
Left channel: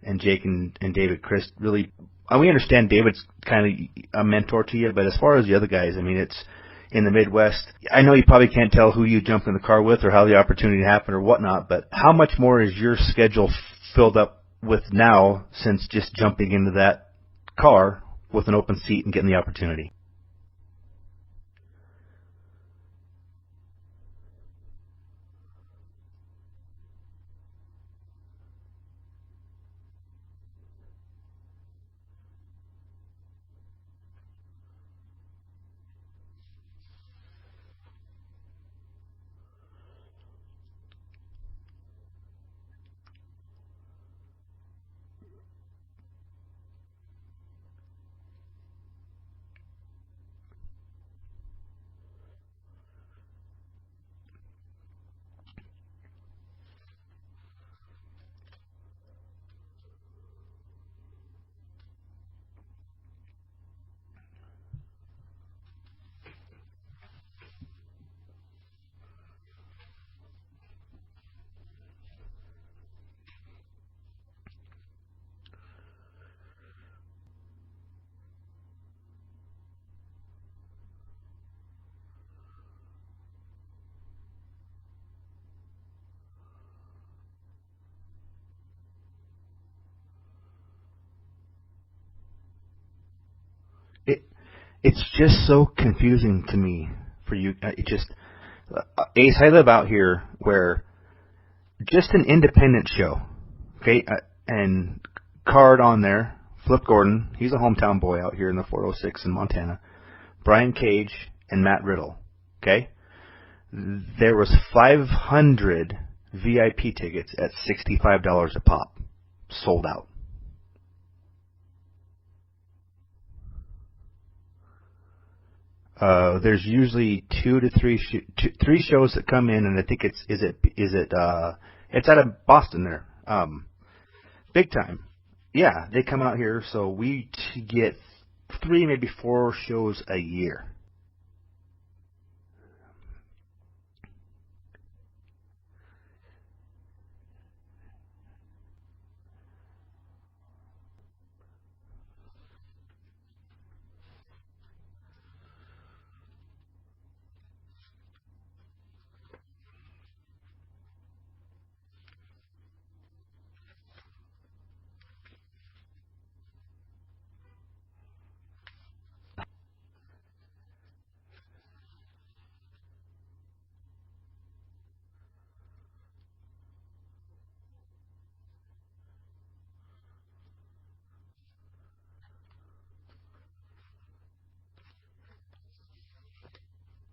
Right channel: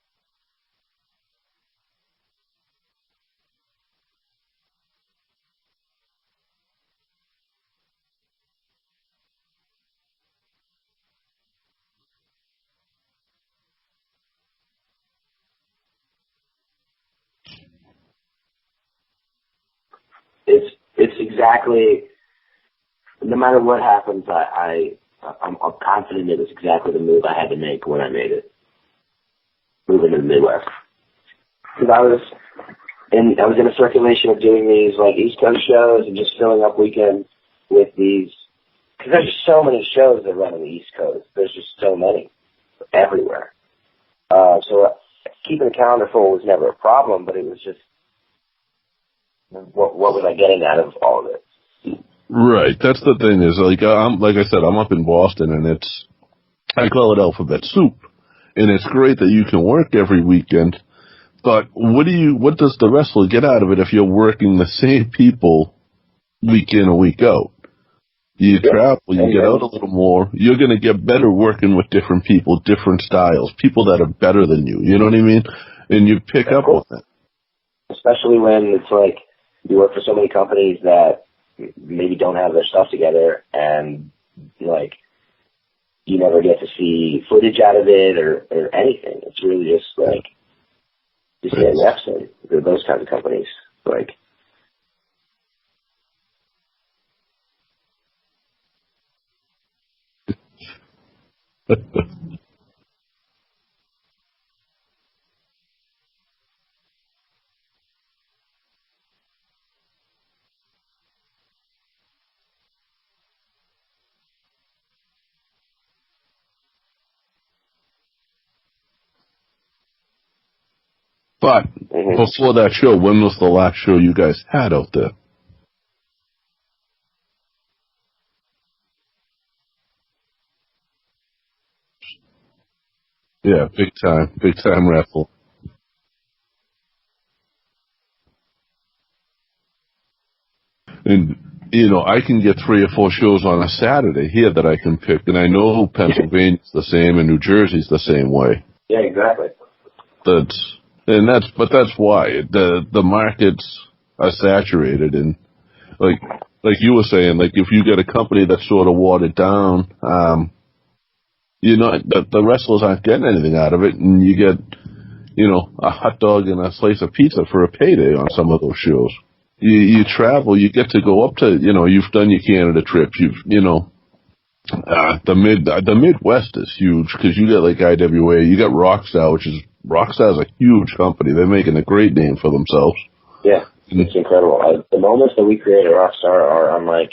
and Jake and David Christ really, we understand David's kind of a mentor to you, but as far as the other guys, I mean, it's in the Midwest. I know you probably can't tell who you jumped in the car with or how the opportunity happened or whatnot, but how much more is your schedule filled up with now since just jumping into that car with an open seat and getting the opportunity? It's exactly, no matter what happens, I'm confident it was exactly the move I had to make when I made it, moving to the Midwest. Because I was in a circulation of doing these like East Coast shows and just filling up weekends with these, because there's just so many shows that run on the East Coast. There's just so many everywhere. So keeping a calendar full was never a problem, but it was just, what was I getting out of all of it? Right. That's the thing is, like I said, I'm up in Boston, and I call it alphabet soup, and it's great that you can work every weekend. But what does the wrestler get out of it if you're working the same people week in and week out? You travel, you get out a little more. You're going to get better working with different people, different styles, people that are better than you. You know what I mean? And you pick up on that. Especially when it's like you work for so many companies that maybe don't have their stuff together, and like you never get to see footage out of it or anything. It's really just like just getting reps in those kinds of companies. Like it's just so confusing to me for you. It just Ace, I live out here where just an independent show, okay, and card on there. Flip Gordon, he's a hometown boy out here in the 406 in Montana. Brian Cage and Matt Riddle, okay? There was 500 VIP tickets at $65 a pop, sold out. But before that show, when was the last show you guys had out there? There's usually 2 to 3 three shows that come in, and I think it's out of Boston there. Yeah, big time raffle. Yeah, they come out here, so we get 3, maybe 4 shows a year. And, I can get 3 or 4 shows on a Saturday here that I can pick, and I know Pennsylvania's the same and New Jersey's the same way. Yeah, exactly. That's why the markets are saturated, and like you were saying, like if you get a company that's sort of watered down, the wrestlers aren't getting anything out of it, and you get a hot dog and a slice of pizza for a payday on some of those shows. You travel, you get to go up to, you've done your Canada trips, the Midwest is huge because you got like IWA, you got Rockstar's a huge company. They're making a great name for themselves. Yeah, it's incredible. The moments that we create at Rockstar are unlike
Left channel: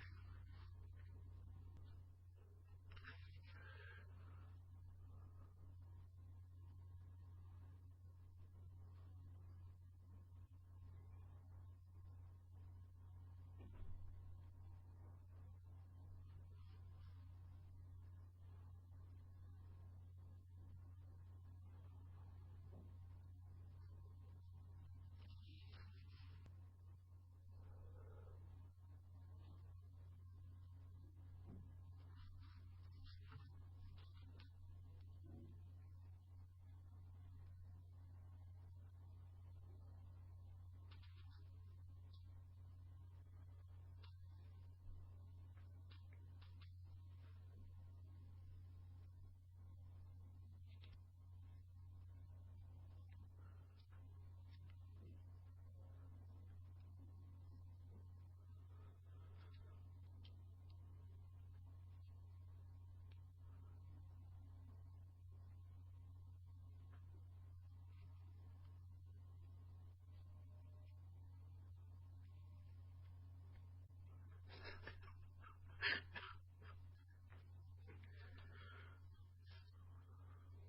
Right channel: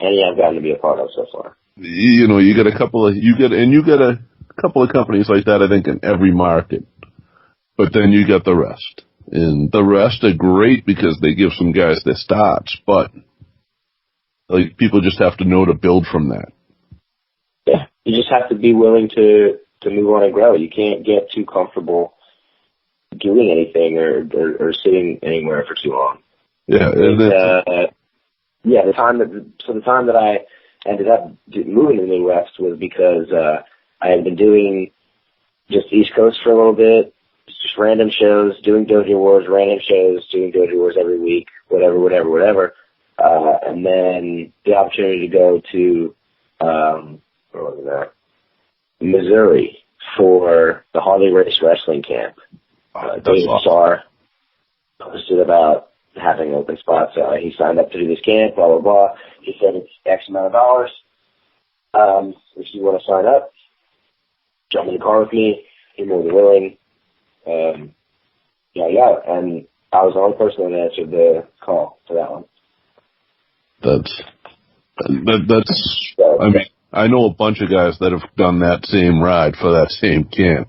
any I've gotten to be a part of so far. You get a couple of companies like that, I think, in every market. But then you get the rest. And the rest are great because they give some guys their starts, but like people just have to know to build from that. Yeah, you just have to be willing to move on and grow. You can't get too comfortable doing anything or sitting anywhere for too long. Yeah, the time that I ended up moving to the Midwest was because I had been doing just East Coast for a little bit, just random shows, doing Dojo Wars, doing Dojo Wars every week, whatever. And then the opportunity to go to, where was that? Missouri for the Harley Race Wrestling Camp. David Starr posted about having open spots. He signed up to do this camp, blah, blah, blah. He said it's X amount of dollars. If you want to sign up, jump in the car with me. You're more than willing. And I was the only person that answered the call for that one. I mean, I know a bunch of guys that have done that same ride for that same camp,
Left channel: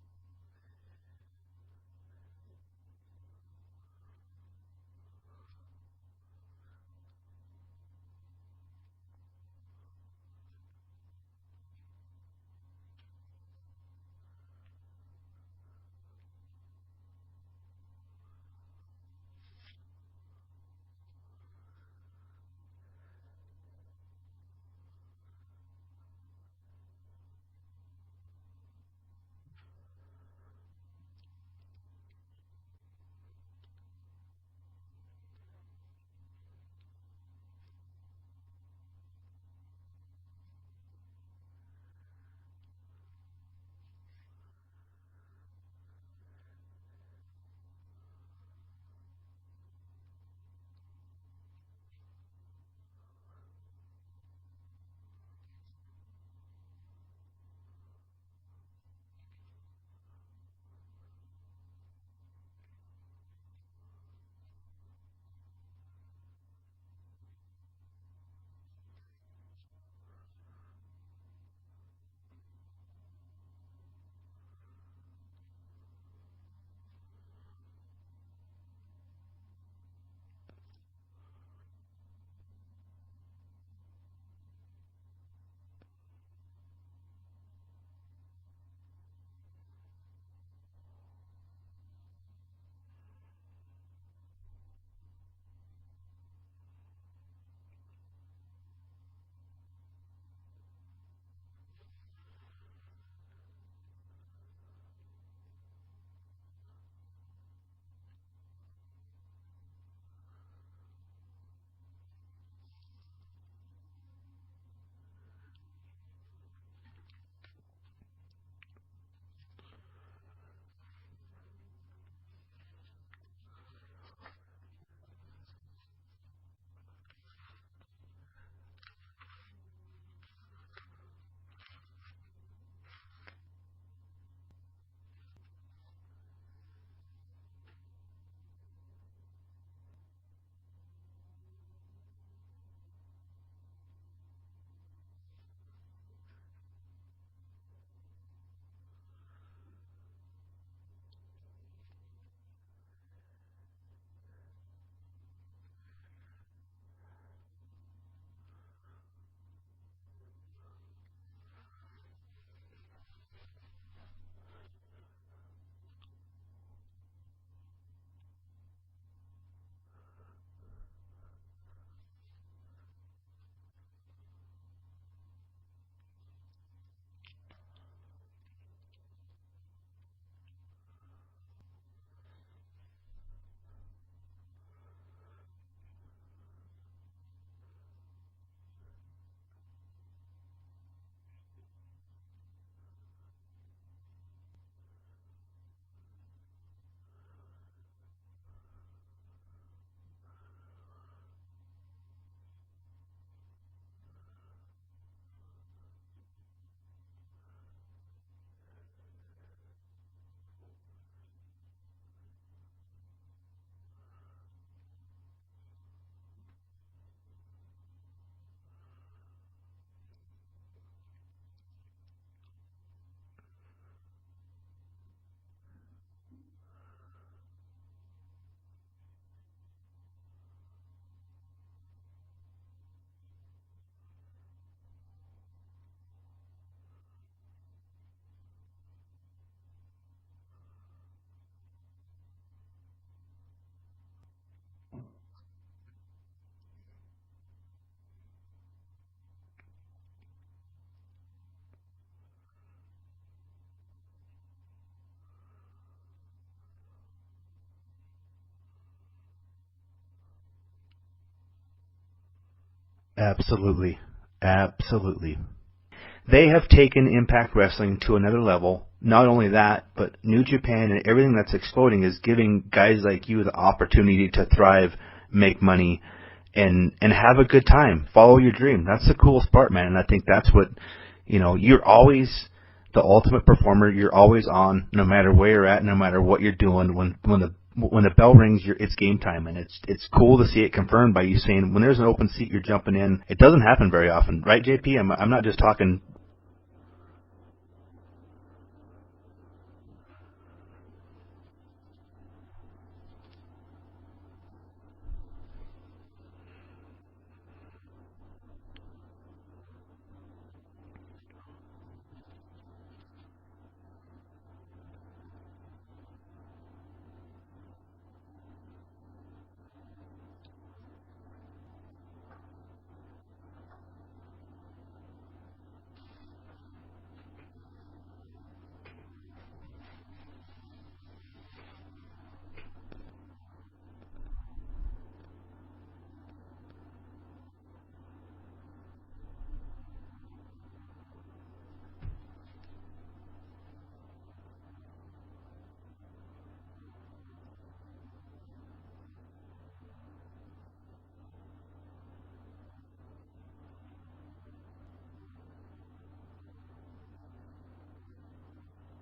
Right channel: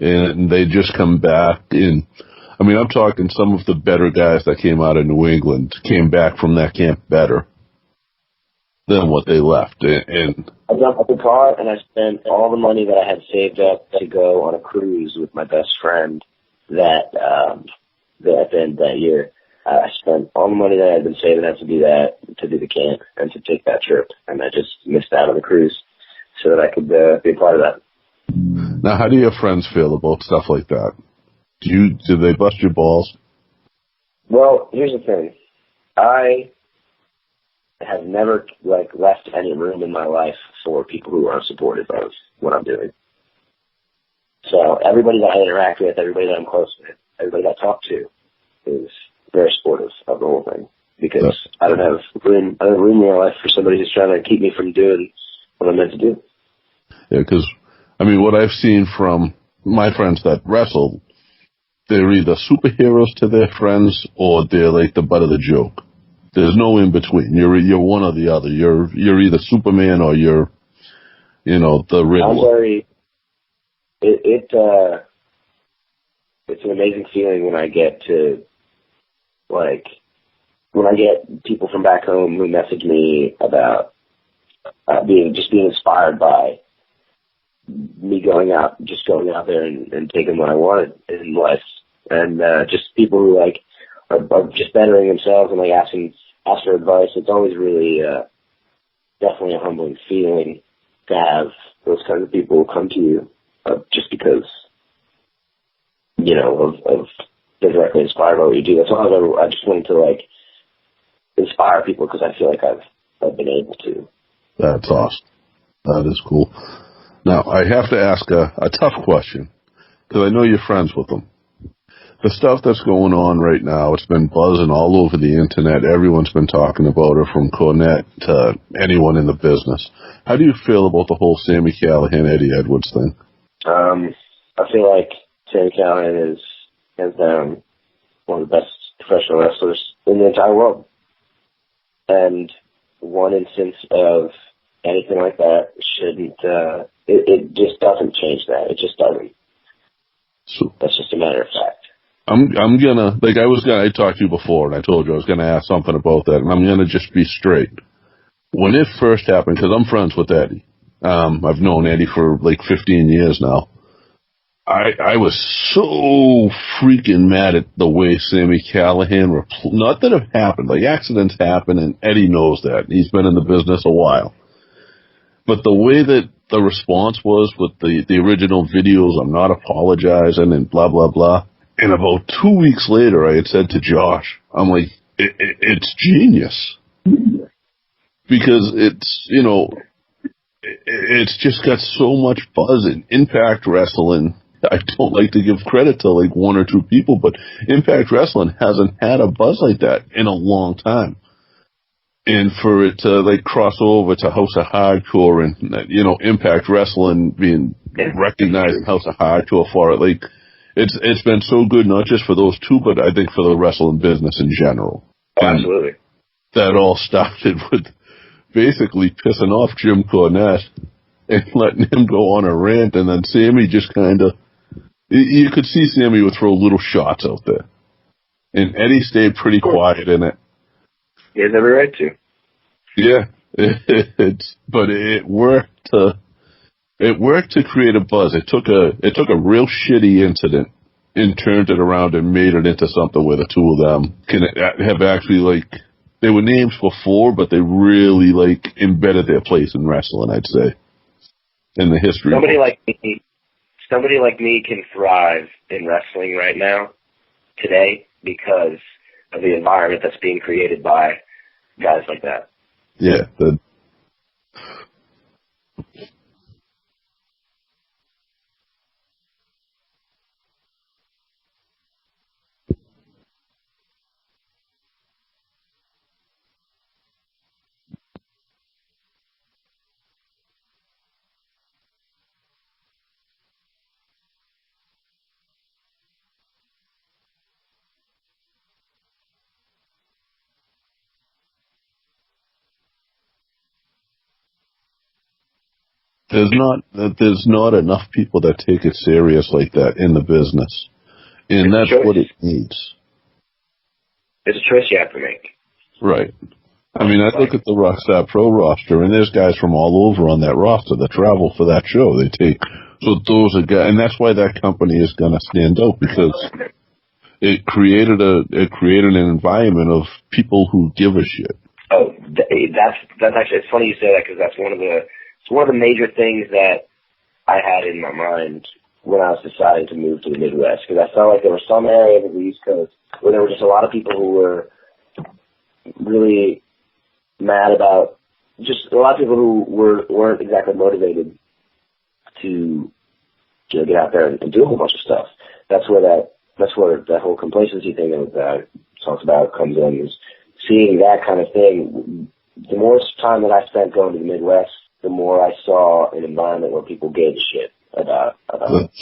and they just come back. And I mean, I'm talking some of the better guys that came out of New England came back from that camp better than what they left. And I jumped up the car and I spent all the money that I had saved up to go on a cruise with my best friend that year. I spent all the money that I had been saving up to do the camp and to take that trip, and I just missed out on the cruise so that I could be a part of that. now, how do your friends feel about stuff like that? Do they bust your balls? Well, here's the thing. I have never left any room in my life for people who are supportive of what I'm doing. So everybody that I interact with, everybody that I'm close with, everybody that I talk to is very supportive of the whole thing, because I don't have room in my life for somebody who's trying to keep me from doing what I'm meant to do. Yeah, because, I mean, what I've seen from my friends that wrestle, they're either superheroes to their friends or they're like the butt of the joke. There's no in between. You're one or the other. You're either Superman or you're, the Riddler. I'm very. It's an amazing feeling when I get to, when I get people from back home who message me about being inspired by me going out there and taking what I wanted in life, and just people who are just bettering themselves and ask for advice. It's always really definitely a humbling feeling to have those kinds of people come to you just because of they're directly inspired by what you do. That's all I just wanted to inspire people, because I feel like I've been able to. That's awesome. That is cool. Now, I have to ask a tough question, because I know you're friends with them. The stuff that's going on right now, it's been buzzing all over the internet. Everyone's been talking about it, from Cornette to anyone in the business. How do you feel about the whole Sami Callihan, Eddie Edwards thing? I feel like Sami Callihan is hands down one of the best professional wrestlers in the entire world. And one instance of anything like that shouldn't, it just doesn't change that. It just doesn't. So, that's just a matter of fact. I'm gonna, I talked to you before, and I told you I was gonna ask something about that, and I'm gonna just be straight. When it first happened, because I'm friends with Eddie, I've known Eddie for 15 years now. I was so freaking mad at the way Sami Callihan, not that it happened, accidents happen, and Eddie knows that. He's been in the business a while. But the way that the response was with the original videos, I'm not apologizing and blah, blah, blah. And about 2 weeks later, I had said to Josh, I'm like, it's genius. Because it's, it's just got so much buzz in Impact Wrestling. I don't like to give credit to one or two people, but Impact Wrestling hasn't had a buzz like that in a long time. And for it to cross over to House of Hardcore and, Impact Wrestling being recognized in House of Hardcore for it, it's been so good, not just for those two, but I think for the wrestling business in general. Absolutely. That all started with basically pissing off Jim Cornette and letting him go on a rant, and then Sami just kind of, you could see Sami would throw little shots out there. And Eddie stayed pretty quiet in it. He has every right to. Yeah, but it worked to create a buzz. It took a real shitty incident and turned it around and made it into something where the two of them can have actually they were names before, but they really embedded their place in wrestling, I'd say, in the history. Somebody like me can thrive in wrestling right now, today, because of the environment that's being created by guys like that. Yeah, absolutely. Absolutely. They have taken Impact Wrestling to another level. Not only that, but New Japan and everything that's exploding is giving guys like you the opportunity to thrive, make money, and have a good time. Follow your dream. That's the coolest part, man. And I think that's what, you're always the ultimate performer. You're always on, no matter where you're at, no matter what you're doing. When the bell rings, it's game time, and it's cool to see it confirmed by you saying, when there's an open seat, you're jumping in. It doesn't happen very often, right, JP? I'm not just talking. There's not enough people that take it serious like that in the business, And that's what it needs. It's a choice you have to make. Right. I mean, I look at the Rockstar Pro roster, and there's guys from all over on that roster that travel for that show. So those are guys, and that's why that company is going to stand out, because it created an environment of people who give a shit. Oh, that's actually, it's funny you say that, because that's one of the major things that I had in my mind when I was deciding to move to the Midwest, because I felt like there was some area of the East Coast where there were just a lot of people who were really mad about, just a lot of people who weren't exactly motivated to get out there and do a whole bunch of stuff. That's where that whole complacency thing that I talked about comes in, is seeing that kind of thing. The more time that I spent going to the Midwest, the more I saw an environment where people gave a shit about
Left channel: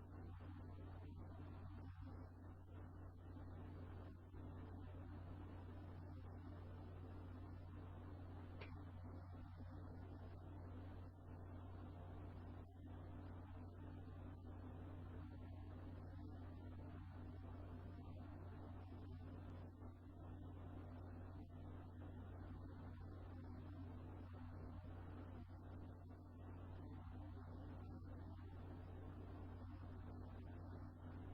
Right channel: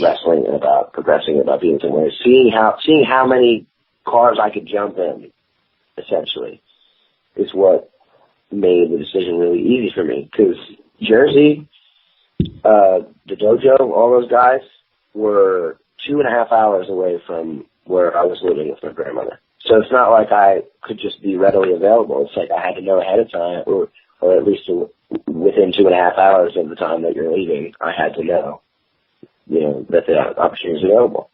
wrestling and about progressing, about being somewhere. Seeing how many cars I could jump in, essentially, is what made the decision really easy for me. Because Jersey, the dojo, all those guys were 2.5 hours away from where I was living with my grandmother. So it's not like I could just be readily available. It's like I had to know ahead of time, or at least within 2.5 hours of the time that you're leaving, I had to know, that the opportunity is available.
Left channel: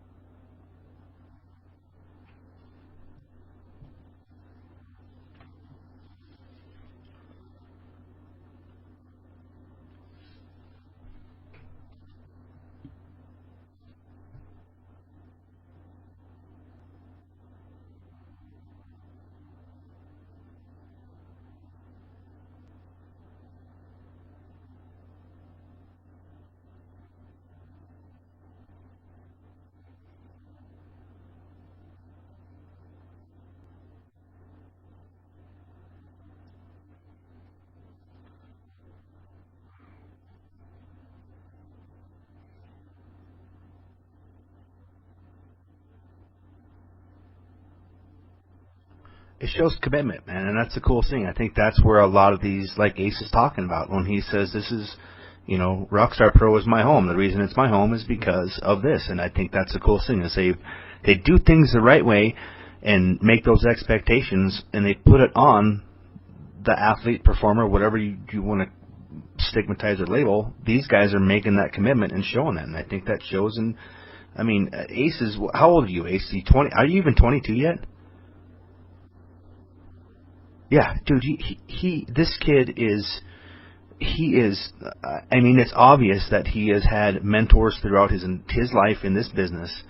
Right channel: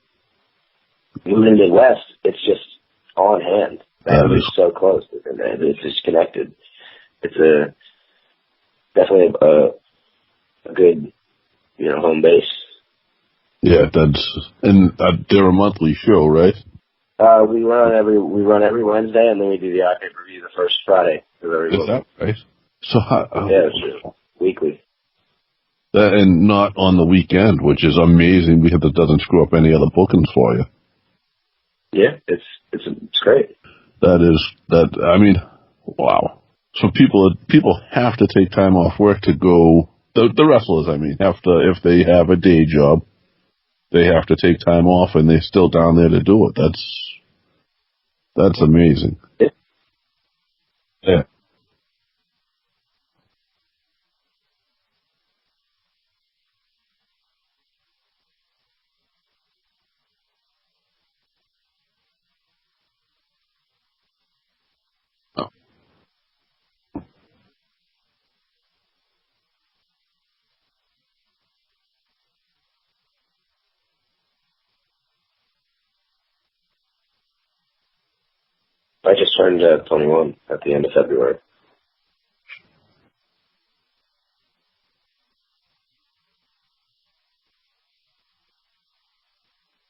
Moving to the Midwest, it's just on hand. It's so close, and it's just connected. It's definitely a good, home base. Yeah, and they're a monthly show, right? We run every Wednesday, and then we do the pay-per-view the first Friday of every week. Is that right? So yeah, it's weekly. And not on the weekend, which is amazing because it doesn't screw up any other bookings for you. Yeah, it's great. I mean, wow. So people have to take time off work to go. The wrestlers, I mean, have to, if they have a day job, they have to take time off, and they're still down there to do it. That's amazing. It shows commitment, man, and that's the cool thing. Yeah. I think that's where a lot of these, like Ace is talking about, when he says this is, Rockstar Pro is my home. The reason it's my home is because of this, and I think that's the cool thing, is they do things the right way and make those expectations, and they put it on the athlete, performer, whatever you want to stigmatize or label. These guys are making that commitment and showing that, and I think that shows. And I mean, Ace is, how old are you, Ace? Are you even 22 yet? I just turned 21 at the end of February. Dude, this kid is. I mean, it's obvious that he has had mentors throughout his life in this business.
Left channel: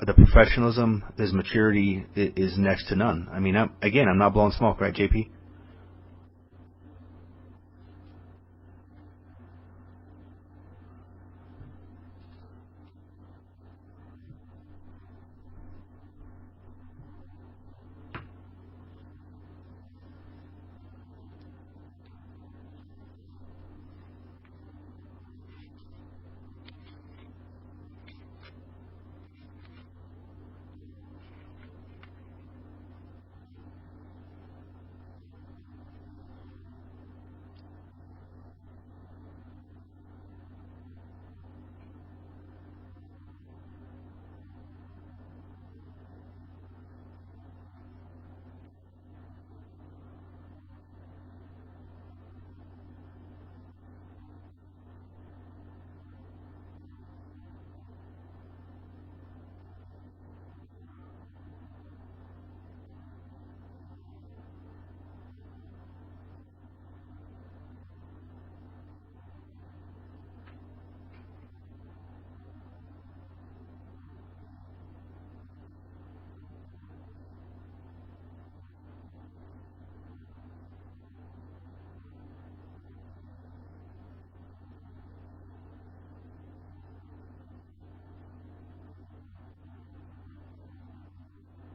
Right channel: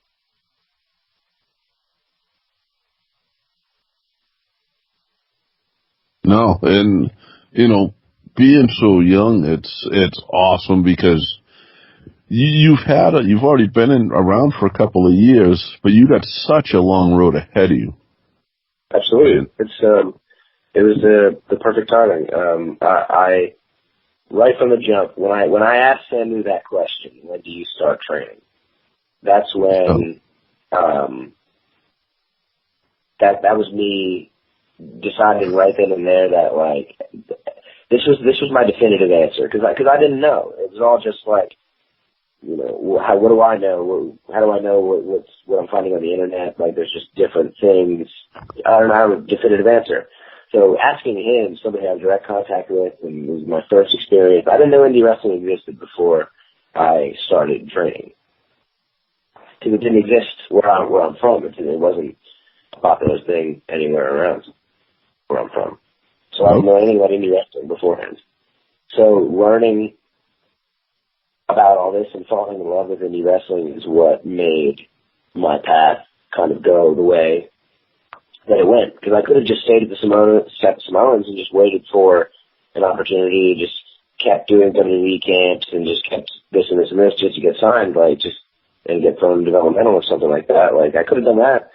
The professionalism, his maturity is next to none. I mean, I'm not blowing smoke, right, JP? No, and being so young, it's awesome, because you've already been around for a couple of years, but you got such a long road ahead of you. Absolutely, it was the perfect timing. I right from the jump, when I asked Samu that question, when do you start training? That's when that was me deciding right then and there that, like, this was my definitive answer, because I didn't know. It was all just like, what do I know? How do I know what I'm finding on the internet? Like, there's just different things. I don't have a definitive answer. So asking him, somebody I had direct contact with, and it was my first experience. I didn't know indie wrestling existed before I started training, because it didn't exist where I'm from. It wasn't a popular thing anywhere around where I'm from. So I didn't know anything about indie wrestling beforehand. So learning about all this and falling in love with indie wrestling is what made my path kind of go the way that it went. Because I could have just stayed at the Samoans and just waited for an opportunity, just kept doing WWE camps and just kept this and this and this just to get signed, and get thrown developmental or something like that. Like, I could have done that,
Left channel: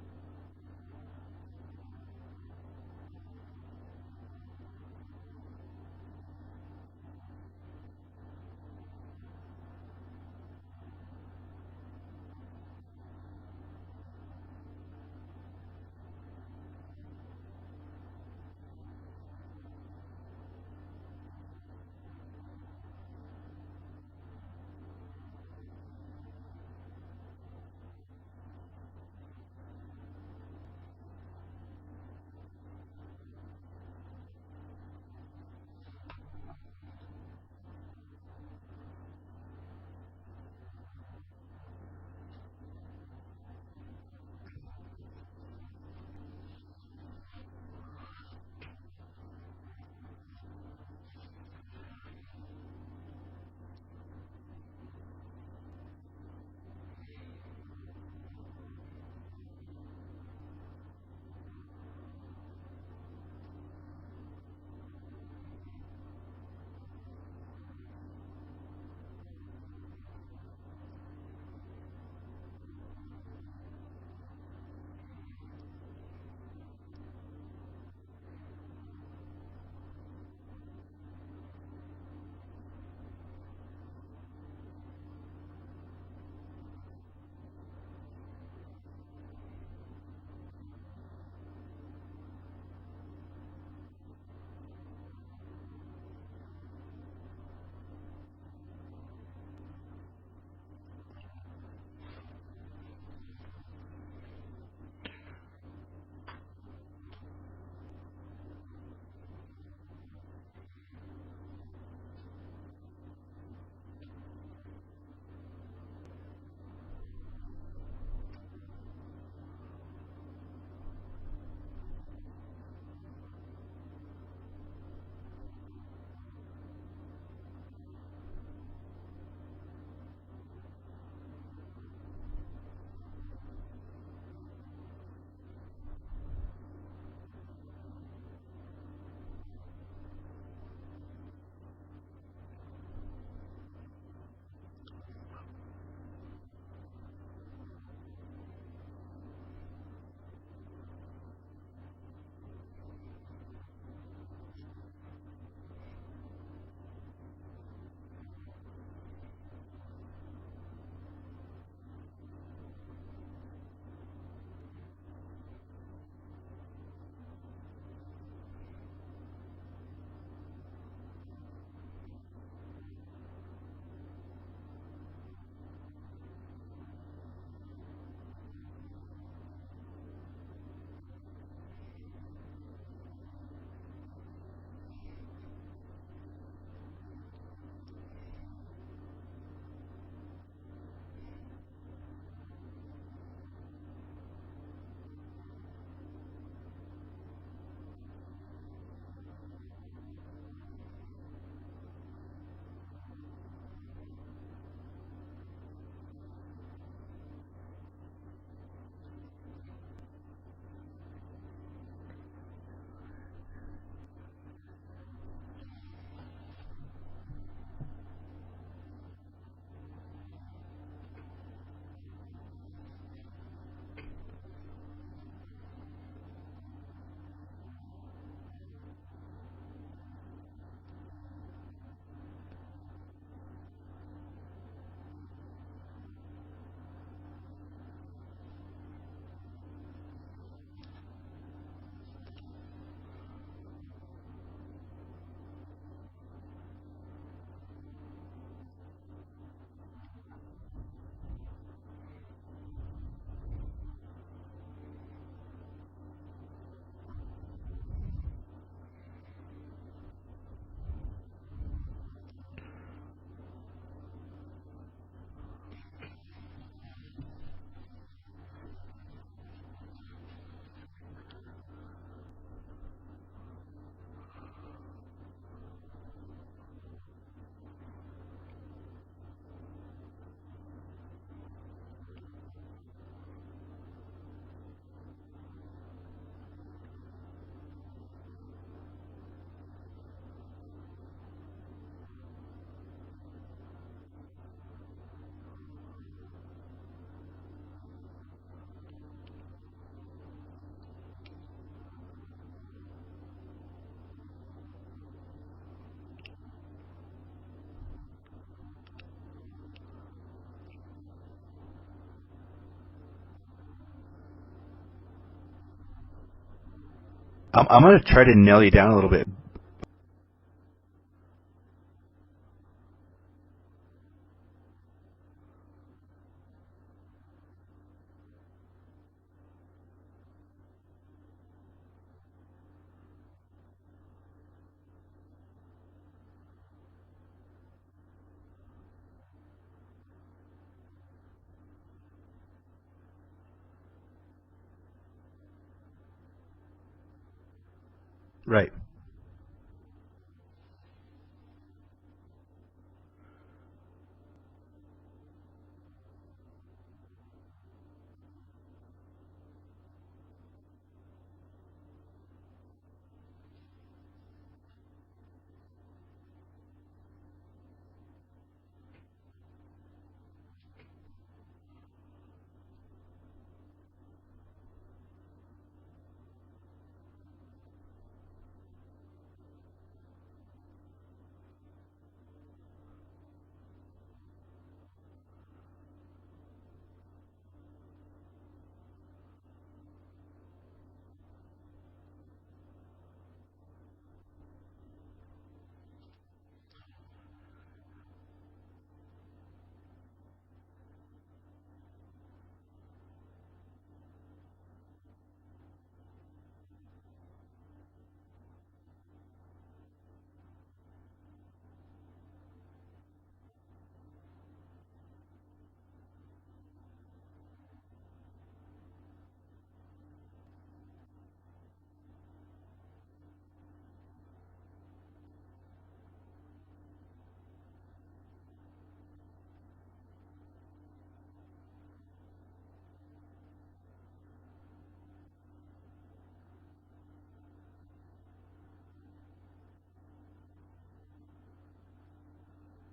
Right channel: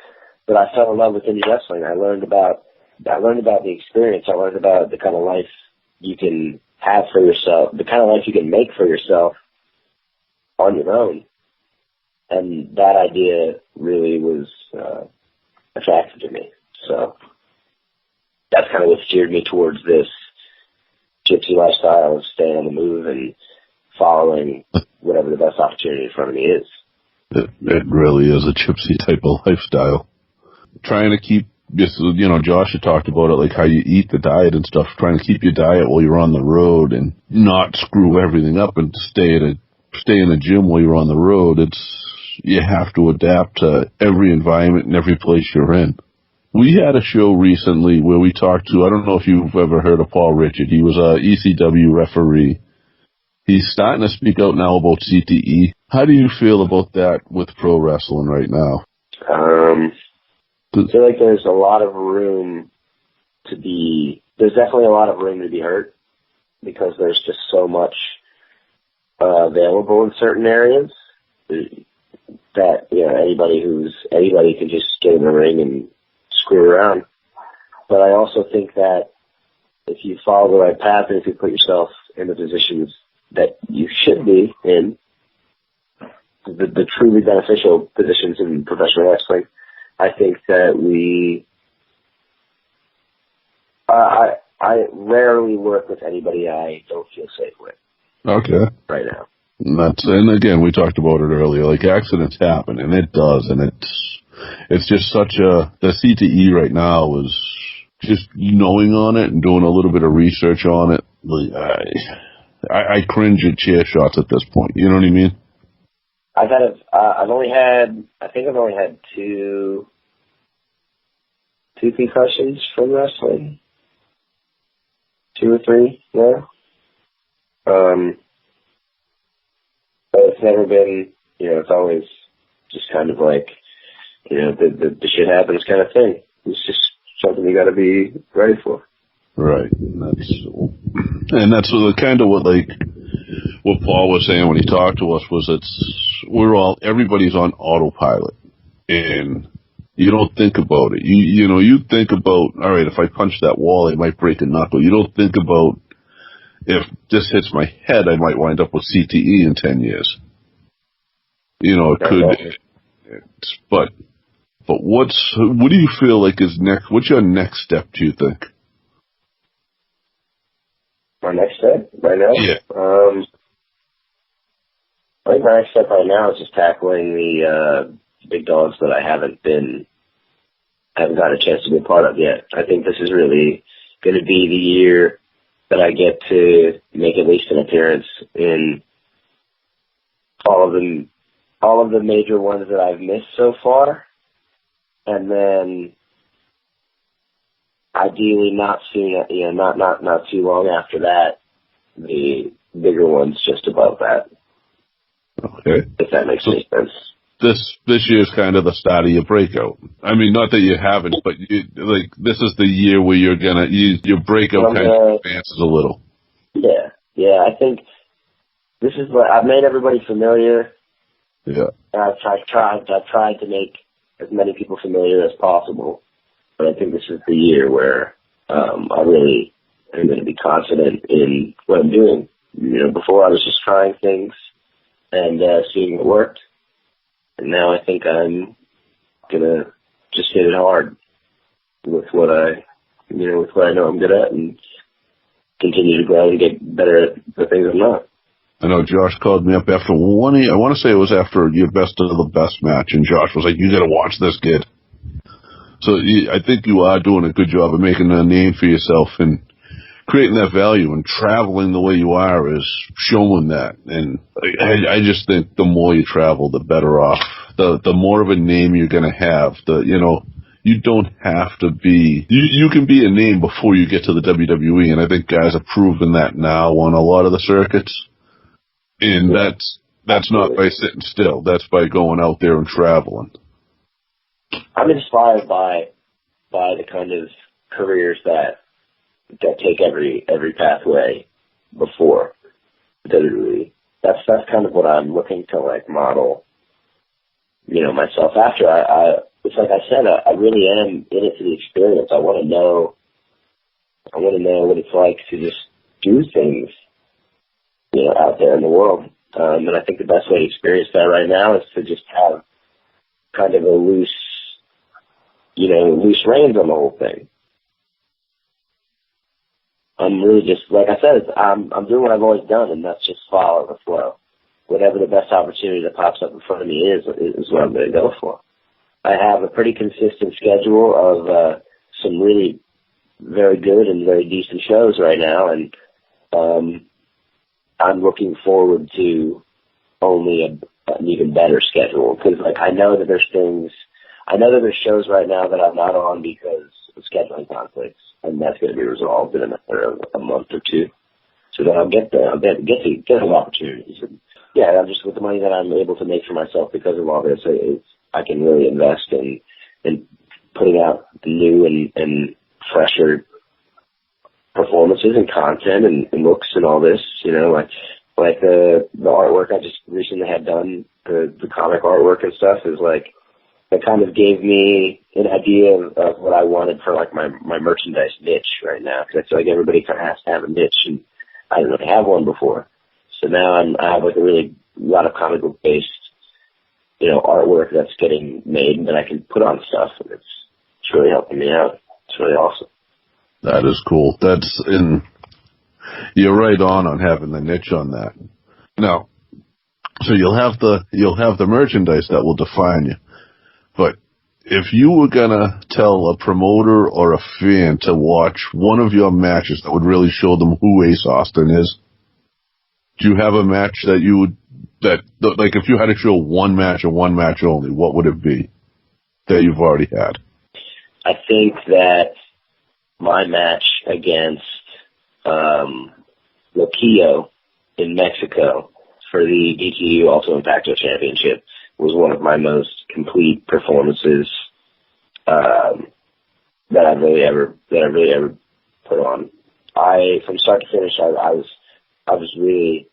but I fell in love with indie wrestling. I learned about the experience. I learned about the kind of life you can have for yourself, the kind of life you can make for yourself on your own. And that idea really was attractive to me. So that's kind of what steered me towards this gypsy lifestyle of staying on the move and following whatever the best opportunity in front of me is. It really is a gypsy type of lifestyle. Trying to keep, just, Josh had talked about it, like how you eat, the diet and stuff, trying to keep your diet while you're on the road and not screw everything up and stay in the gym while you're on the road. You have to adapt to every environment and every place you're in. We had a show recently where we talked to, I don't know if you've ever heard of Paul Richard. He was a ECW referee. He's starting to speak out now about CTE. How do you feel about that with pro wrestling right now? I feel like there's definitely a lot of room to be hurt, because there's just so much available in certain areas that, anybody can just get in the ring and screw around. But I also think that if you follow the right path and if you put yourself in the positions that you should be in, the truly beneficial positions in professional wrestling, I think that I rarely work with anybody I don't feel safe with. Okay. Right now. And again, we talked about it earlier, like accidents happen, and it does, and it's just the CTE right now is just knowing on it and doing a little bit of research on it. Like, I cringe at chair shots at this point. You know what I mean? I've only had two concussions from wrestling. 2 or 3, yeah. But it's never been, it's always just kind of like, the shit happens kind of thing. It's just something you got to be ready for. Right. And that's kind of what Paul was saying when he talked to us was everybody's on autopilot, and you don't think about it. You think about, all right, if I punch that wall, I might break a knuckle. You don't think about, if this hits my head, I might wind up with CTE in 10 years. It could. But what do you feel like is next? What's your next step, do you think? My next step right now? Yeah. I think my next step right now is just tackling the big dogs that I haven't got a chance to be a part of yet. I think this is really going to be the year that I get to make at least an appearance in all of the major ones that I've missed so far, and then ideally not too long after that, the bigger ones just above that. Okay. If that makes any sense. This year's kind of the start of your breakout. I mean, not that you haven't, but this is the year where you're gonna your breakout kind of advances a little. Yeah. I think this is what I've made everybody familiar. Yeah. And I've tried to make as many people familiar as possible, but I think this is the year where I really am going to be confident in what I'm doing. Before I was just trying things and seeing what worked. And now I think I'm gonna just hit it hard with what I know I'm good at, and continue to grow and get better at the things I'm not. I know Josh called me up after I want to say it was after your best of the best match, and Josh was like, "You got to watch this kid." So I think you are doing a good job of making a name for yourself and creating that value, and traveling the way you are is showing that. And I just think the more you travel, the better off. The more of a name you're going to have. You don't have to be. You can be a name before you get to the WWE, and I think guys have proven that now on a lot of the circuits. And that's not by sitting still. That's by going out there and traveling. I'm inspired by the kind of careers that take every pathway before WWE. That's kind of what I'm looking to model, myself after. It's like I said, I really am in it for the experience. I want to know what it's like to just do things, out there in the world. And I think the best way to experience that right now is to just have kind of a loose reins on the whole thing. I'm going to try to nail you down a little bit. I'm really just, like I said, I'm doing what I've always done, and that's just follow the flow. whatever the best opportunity that pops up in front of me is what I'm going to go for. I have a pretty consistent schedule of some really very good and very decent shows right now, and I'm looking forward to only an even better schedule, because like I know that there's shows right now that I'm not on because of scheduling conflicts, and that's going to be resolved in a month or two. So then I'll get those opportunities. And yeah, I'm just with the money that I'm able to make for myself because of all this, I can really invest in putting out new and fresher performances and content and looks and all this. You know, like the artwork I just recently had done, the comic artwork and stuff is like, that kind of gave me an idea of what I wanted for like my merchandise niche right now, because I feel like everybody kind of has to have a niche, and I didn't really have one before. So now I have like a lot of comic book based, you know, artwork that's getting made and that I can put on stuff, and it's really helping me out. It's really awesome. That is cool. You're right on having the niche on that. Now, so you'll have the merchandise that will define you. But if you were gonna tell a promoter or a fan to watch one of your matches that would really show them who Ace Austin is, do you have a match like if you had to show one match and one match only, what would it be that you've already had? I think that my match against Loquillo in Mexico for the DTU Ultimate Impacto Championship was one of my most complete performances that I've really ever put on. From start to finish, I was really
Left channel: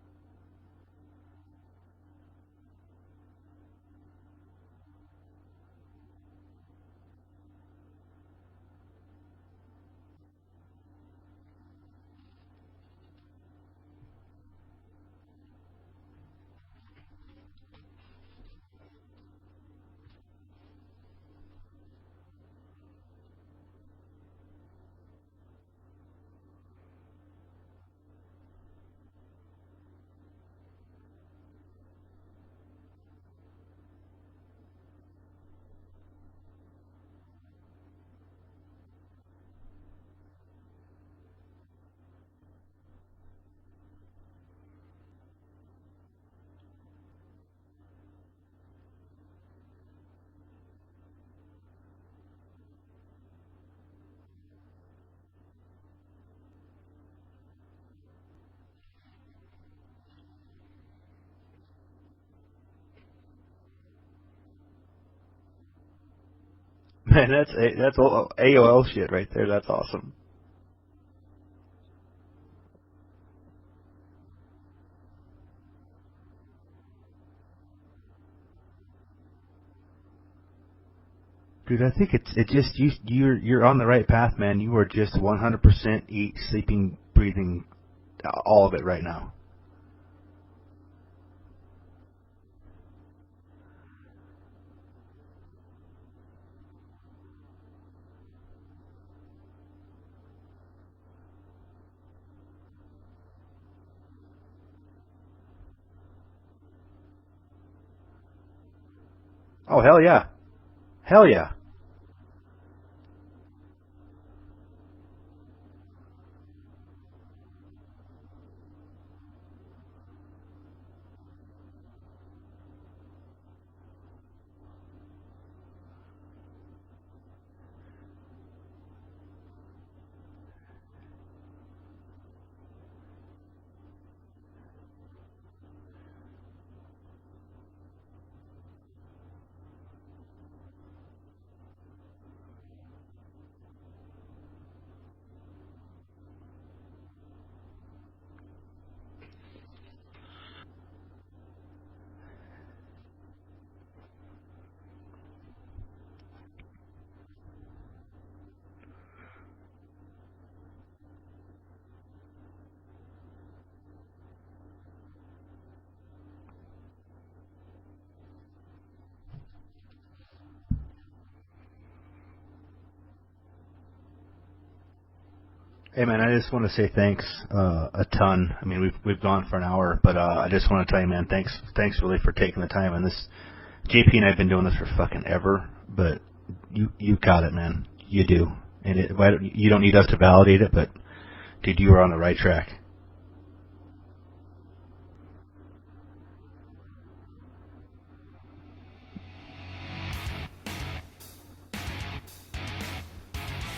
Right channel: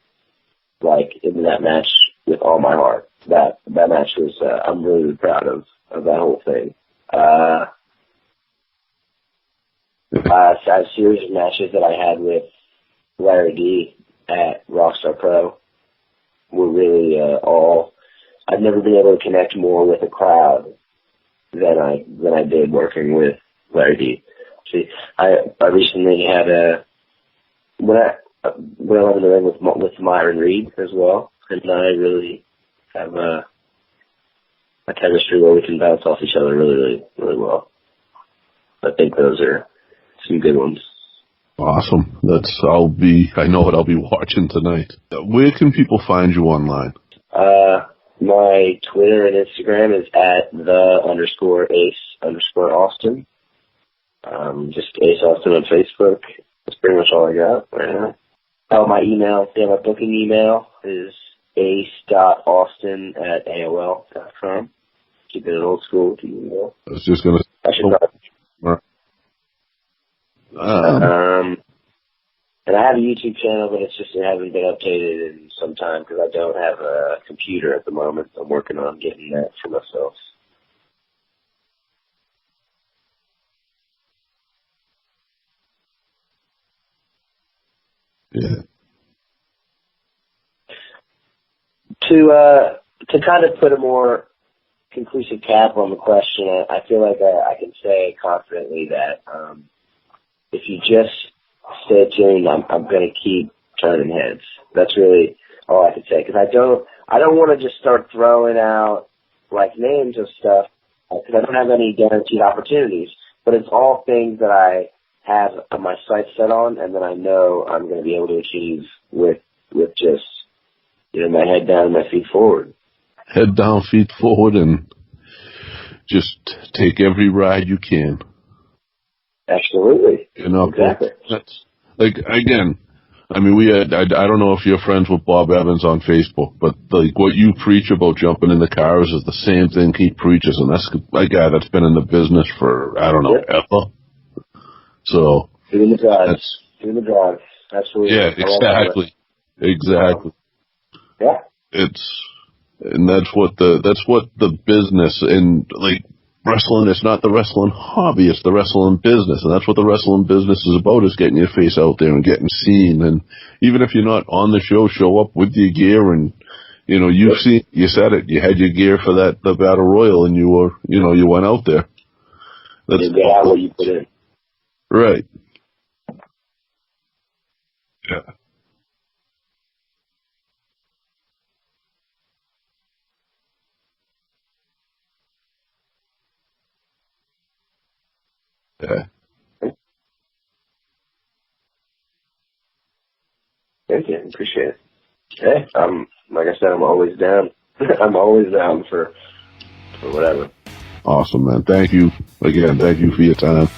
like in that match with all my heart. That match was I'm really proud of that whole thing. A series of matches that I had with Larry D at Rockstar Pro were really I've never been able to connect more with a crowd than I did working with Larry D. See, I recently had when I went in the ring with Myron Reed as well, and I really have a chemistry where we can bounce off each other really, really, really well. I think those are some good ones. Awesome. I know what I'll be watching tonight. Where can people find you online? My Twitter and Instagram is at @the_Ace_Austin. Just Ace Austin on Facebook. That's pretty much all I got right now. Oh, my email, my booking email is ace.austin@AOL.com. Keeping it old school with the email. That's AOL shit right there. That's awesome. And I have a YouTube channel, but it hasn't been updated in some time because I don't have a computer at the moment. I'm working on getting that for myself. Dude, I think you're on the right path, man. You are just 100% eat, sleeping, breathing, all of it right now. To kind of put a more conclusive cap on the question, I feel like I can say confidently that if you just stay tuned, I'm going to keep turning heads. That's really all I can say, because I don't want to just start throwing out like millions of stuff. Hell yeah! I don't have any guaranteed opportunities, but it's all things that I have my sights set on, and that I know I'm going to be able to achieve with just my head down and my feet forward. Head down, feet forward, and just take every ride you can. Absolutely. Exactly. That's like, again, I mean, I don't know if you're friends with Bob Evans on Facebook, but like what you preach about jumping in the cars is the same thing he preaches, and that's a guy that's been in the business for, I don't know, ever. So. Doing the drive. Absolutely. Yeah, exactly. Yeah. That's what the business, and like, wrestling is not the wrestling hobby, it's the wrestling business, and that's what the wrestling business is about, is getting your face out there and getting seen. And even if you're not on the show up with your gear, and you said it, you had your gear for the Battle Royal, and you went out there. That's what you put in. Right. Hey man, I just want to say thanks a ton. I mean, we've gone for an hour, but I just want to tell you, man, thanks really for taking the time. And this, JP and I've been doing this for fucking ever, but you got it, man. You do. You don't need us to validate it, but dude, you were on the right track. Thank you. Appreciate it. Hey, like I said, I'm always down. I'm always down for whatever. Awesome, man. Thank you again. Thank you for your time.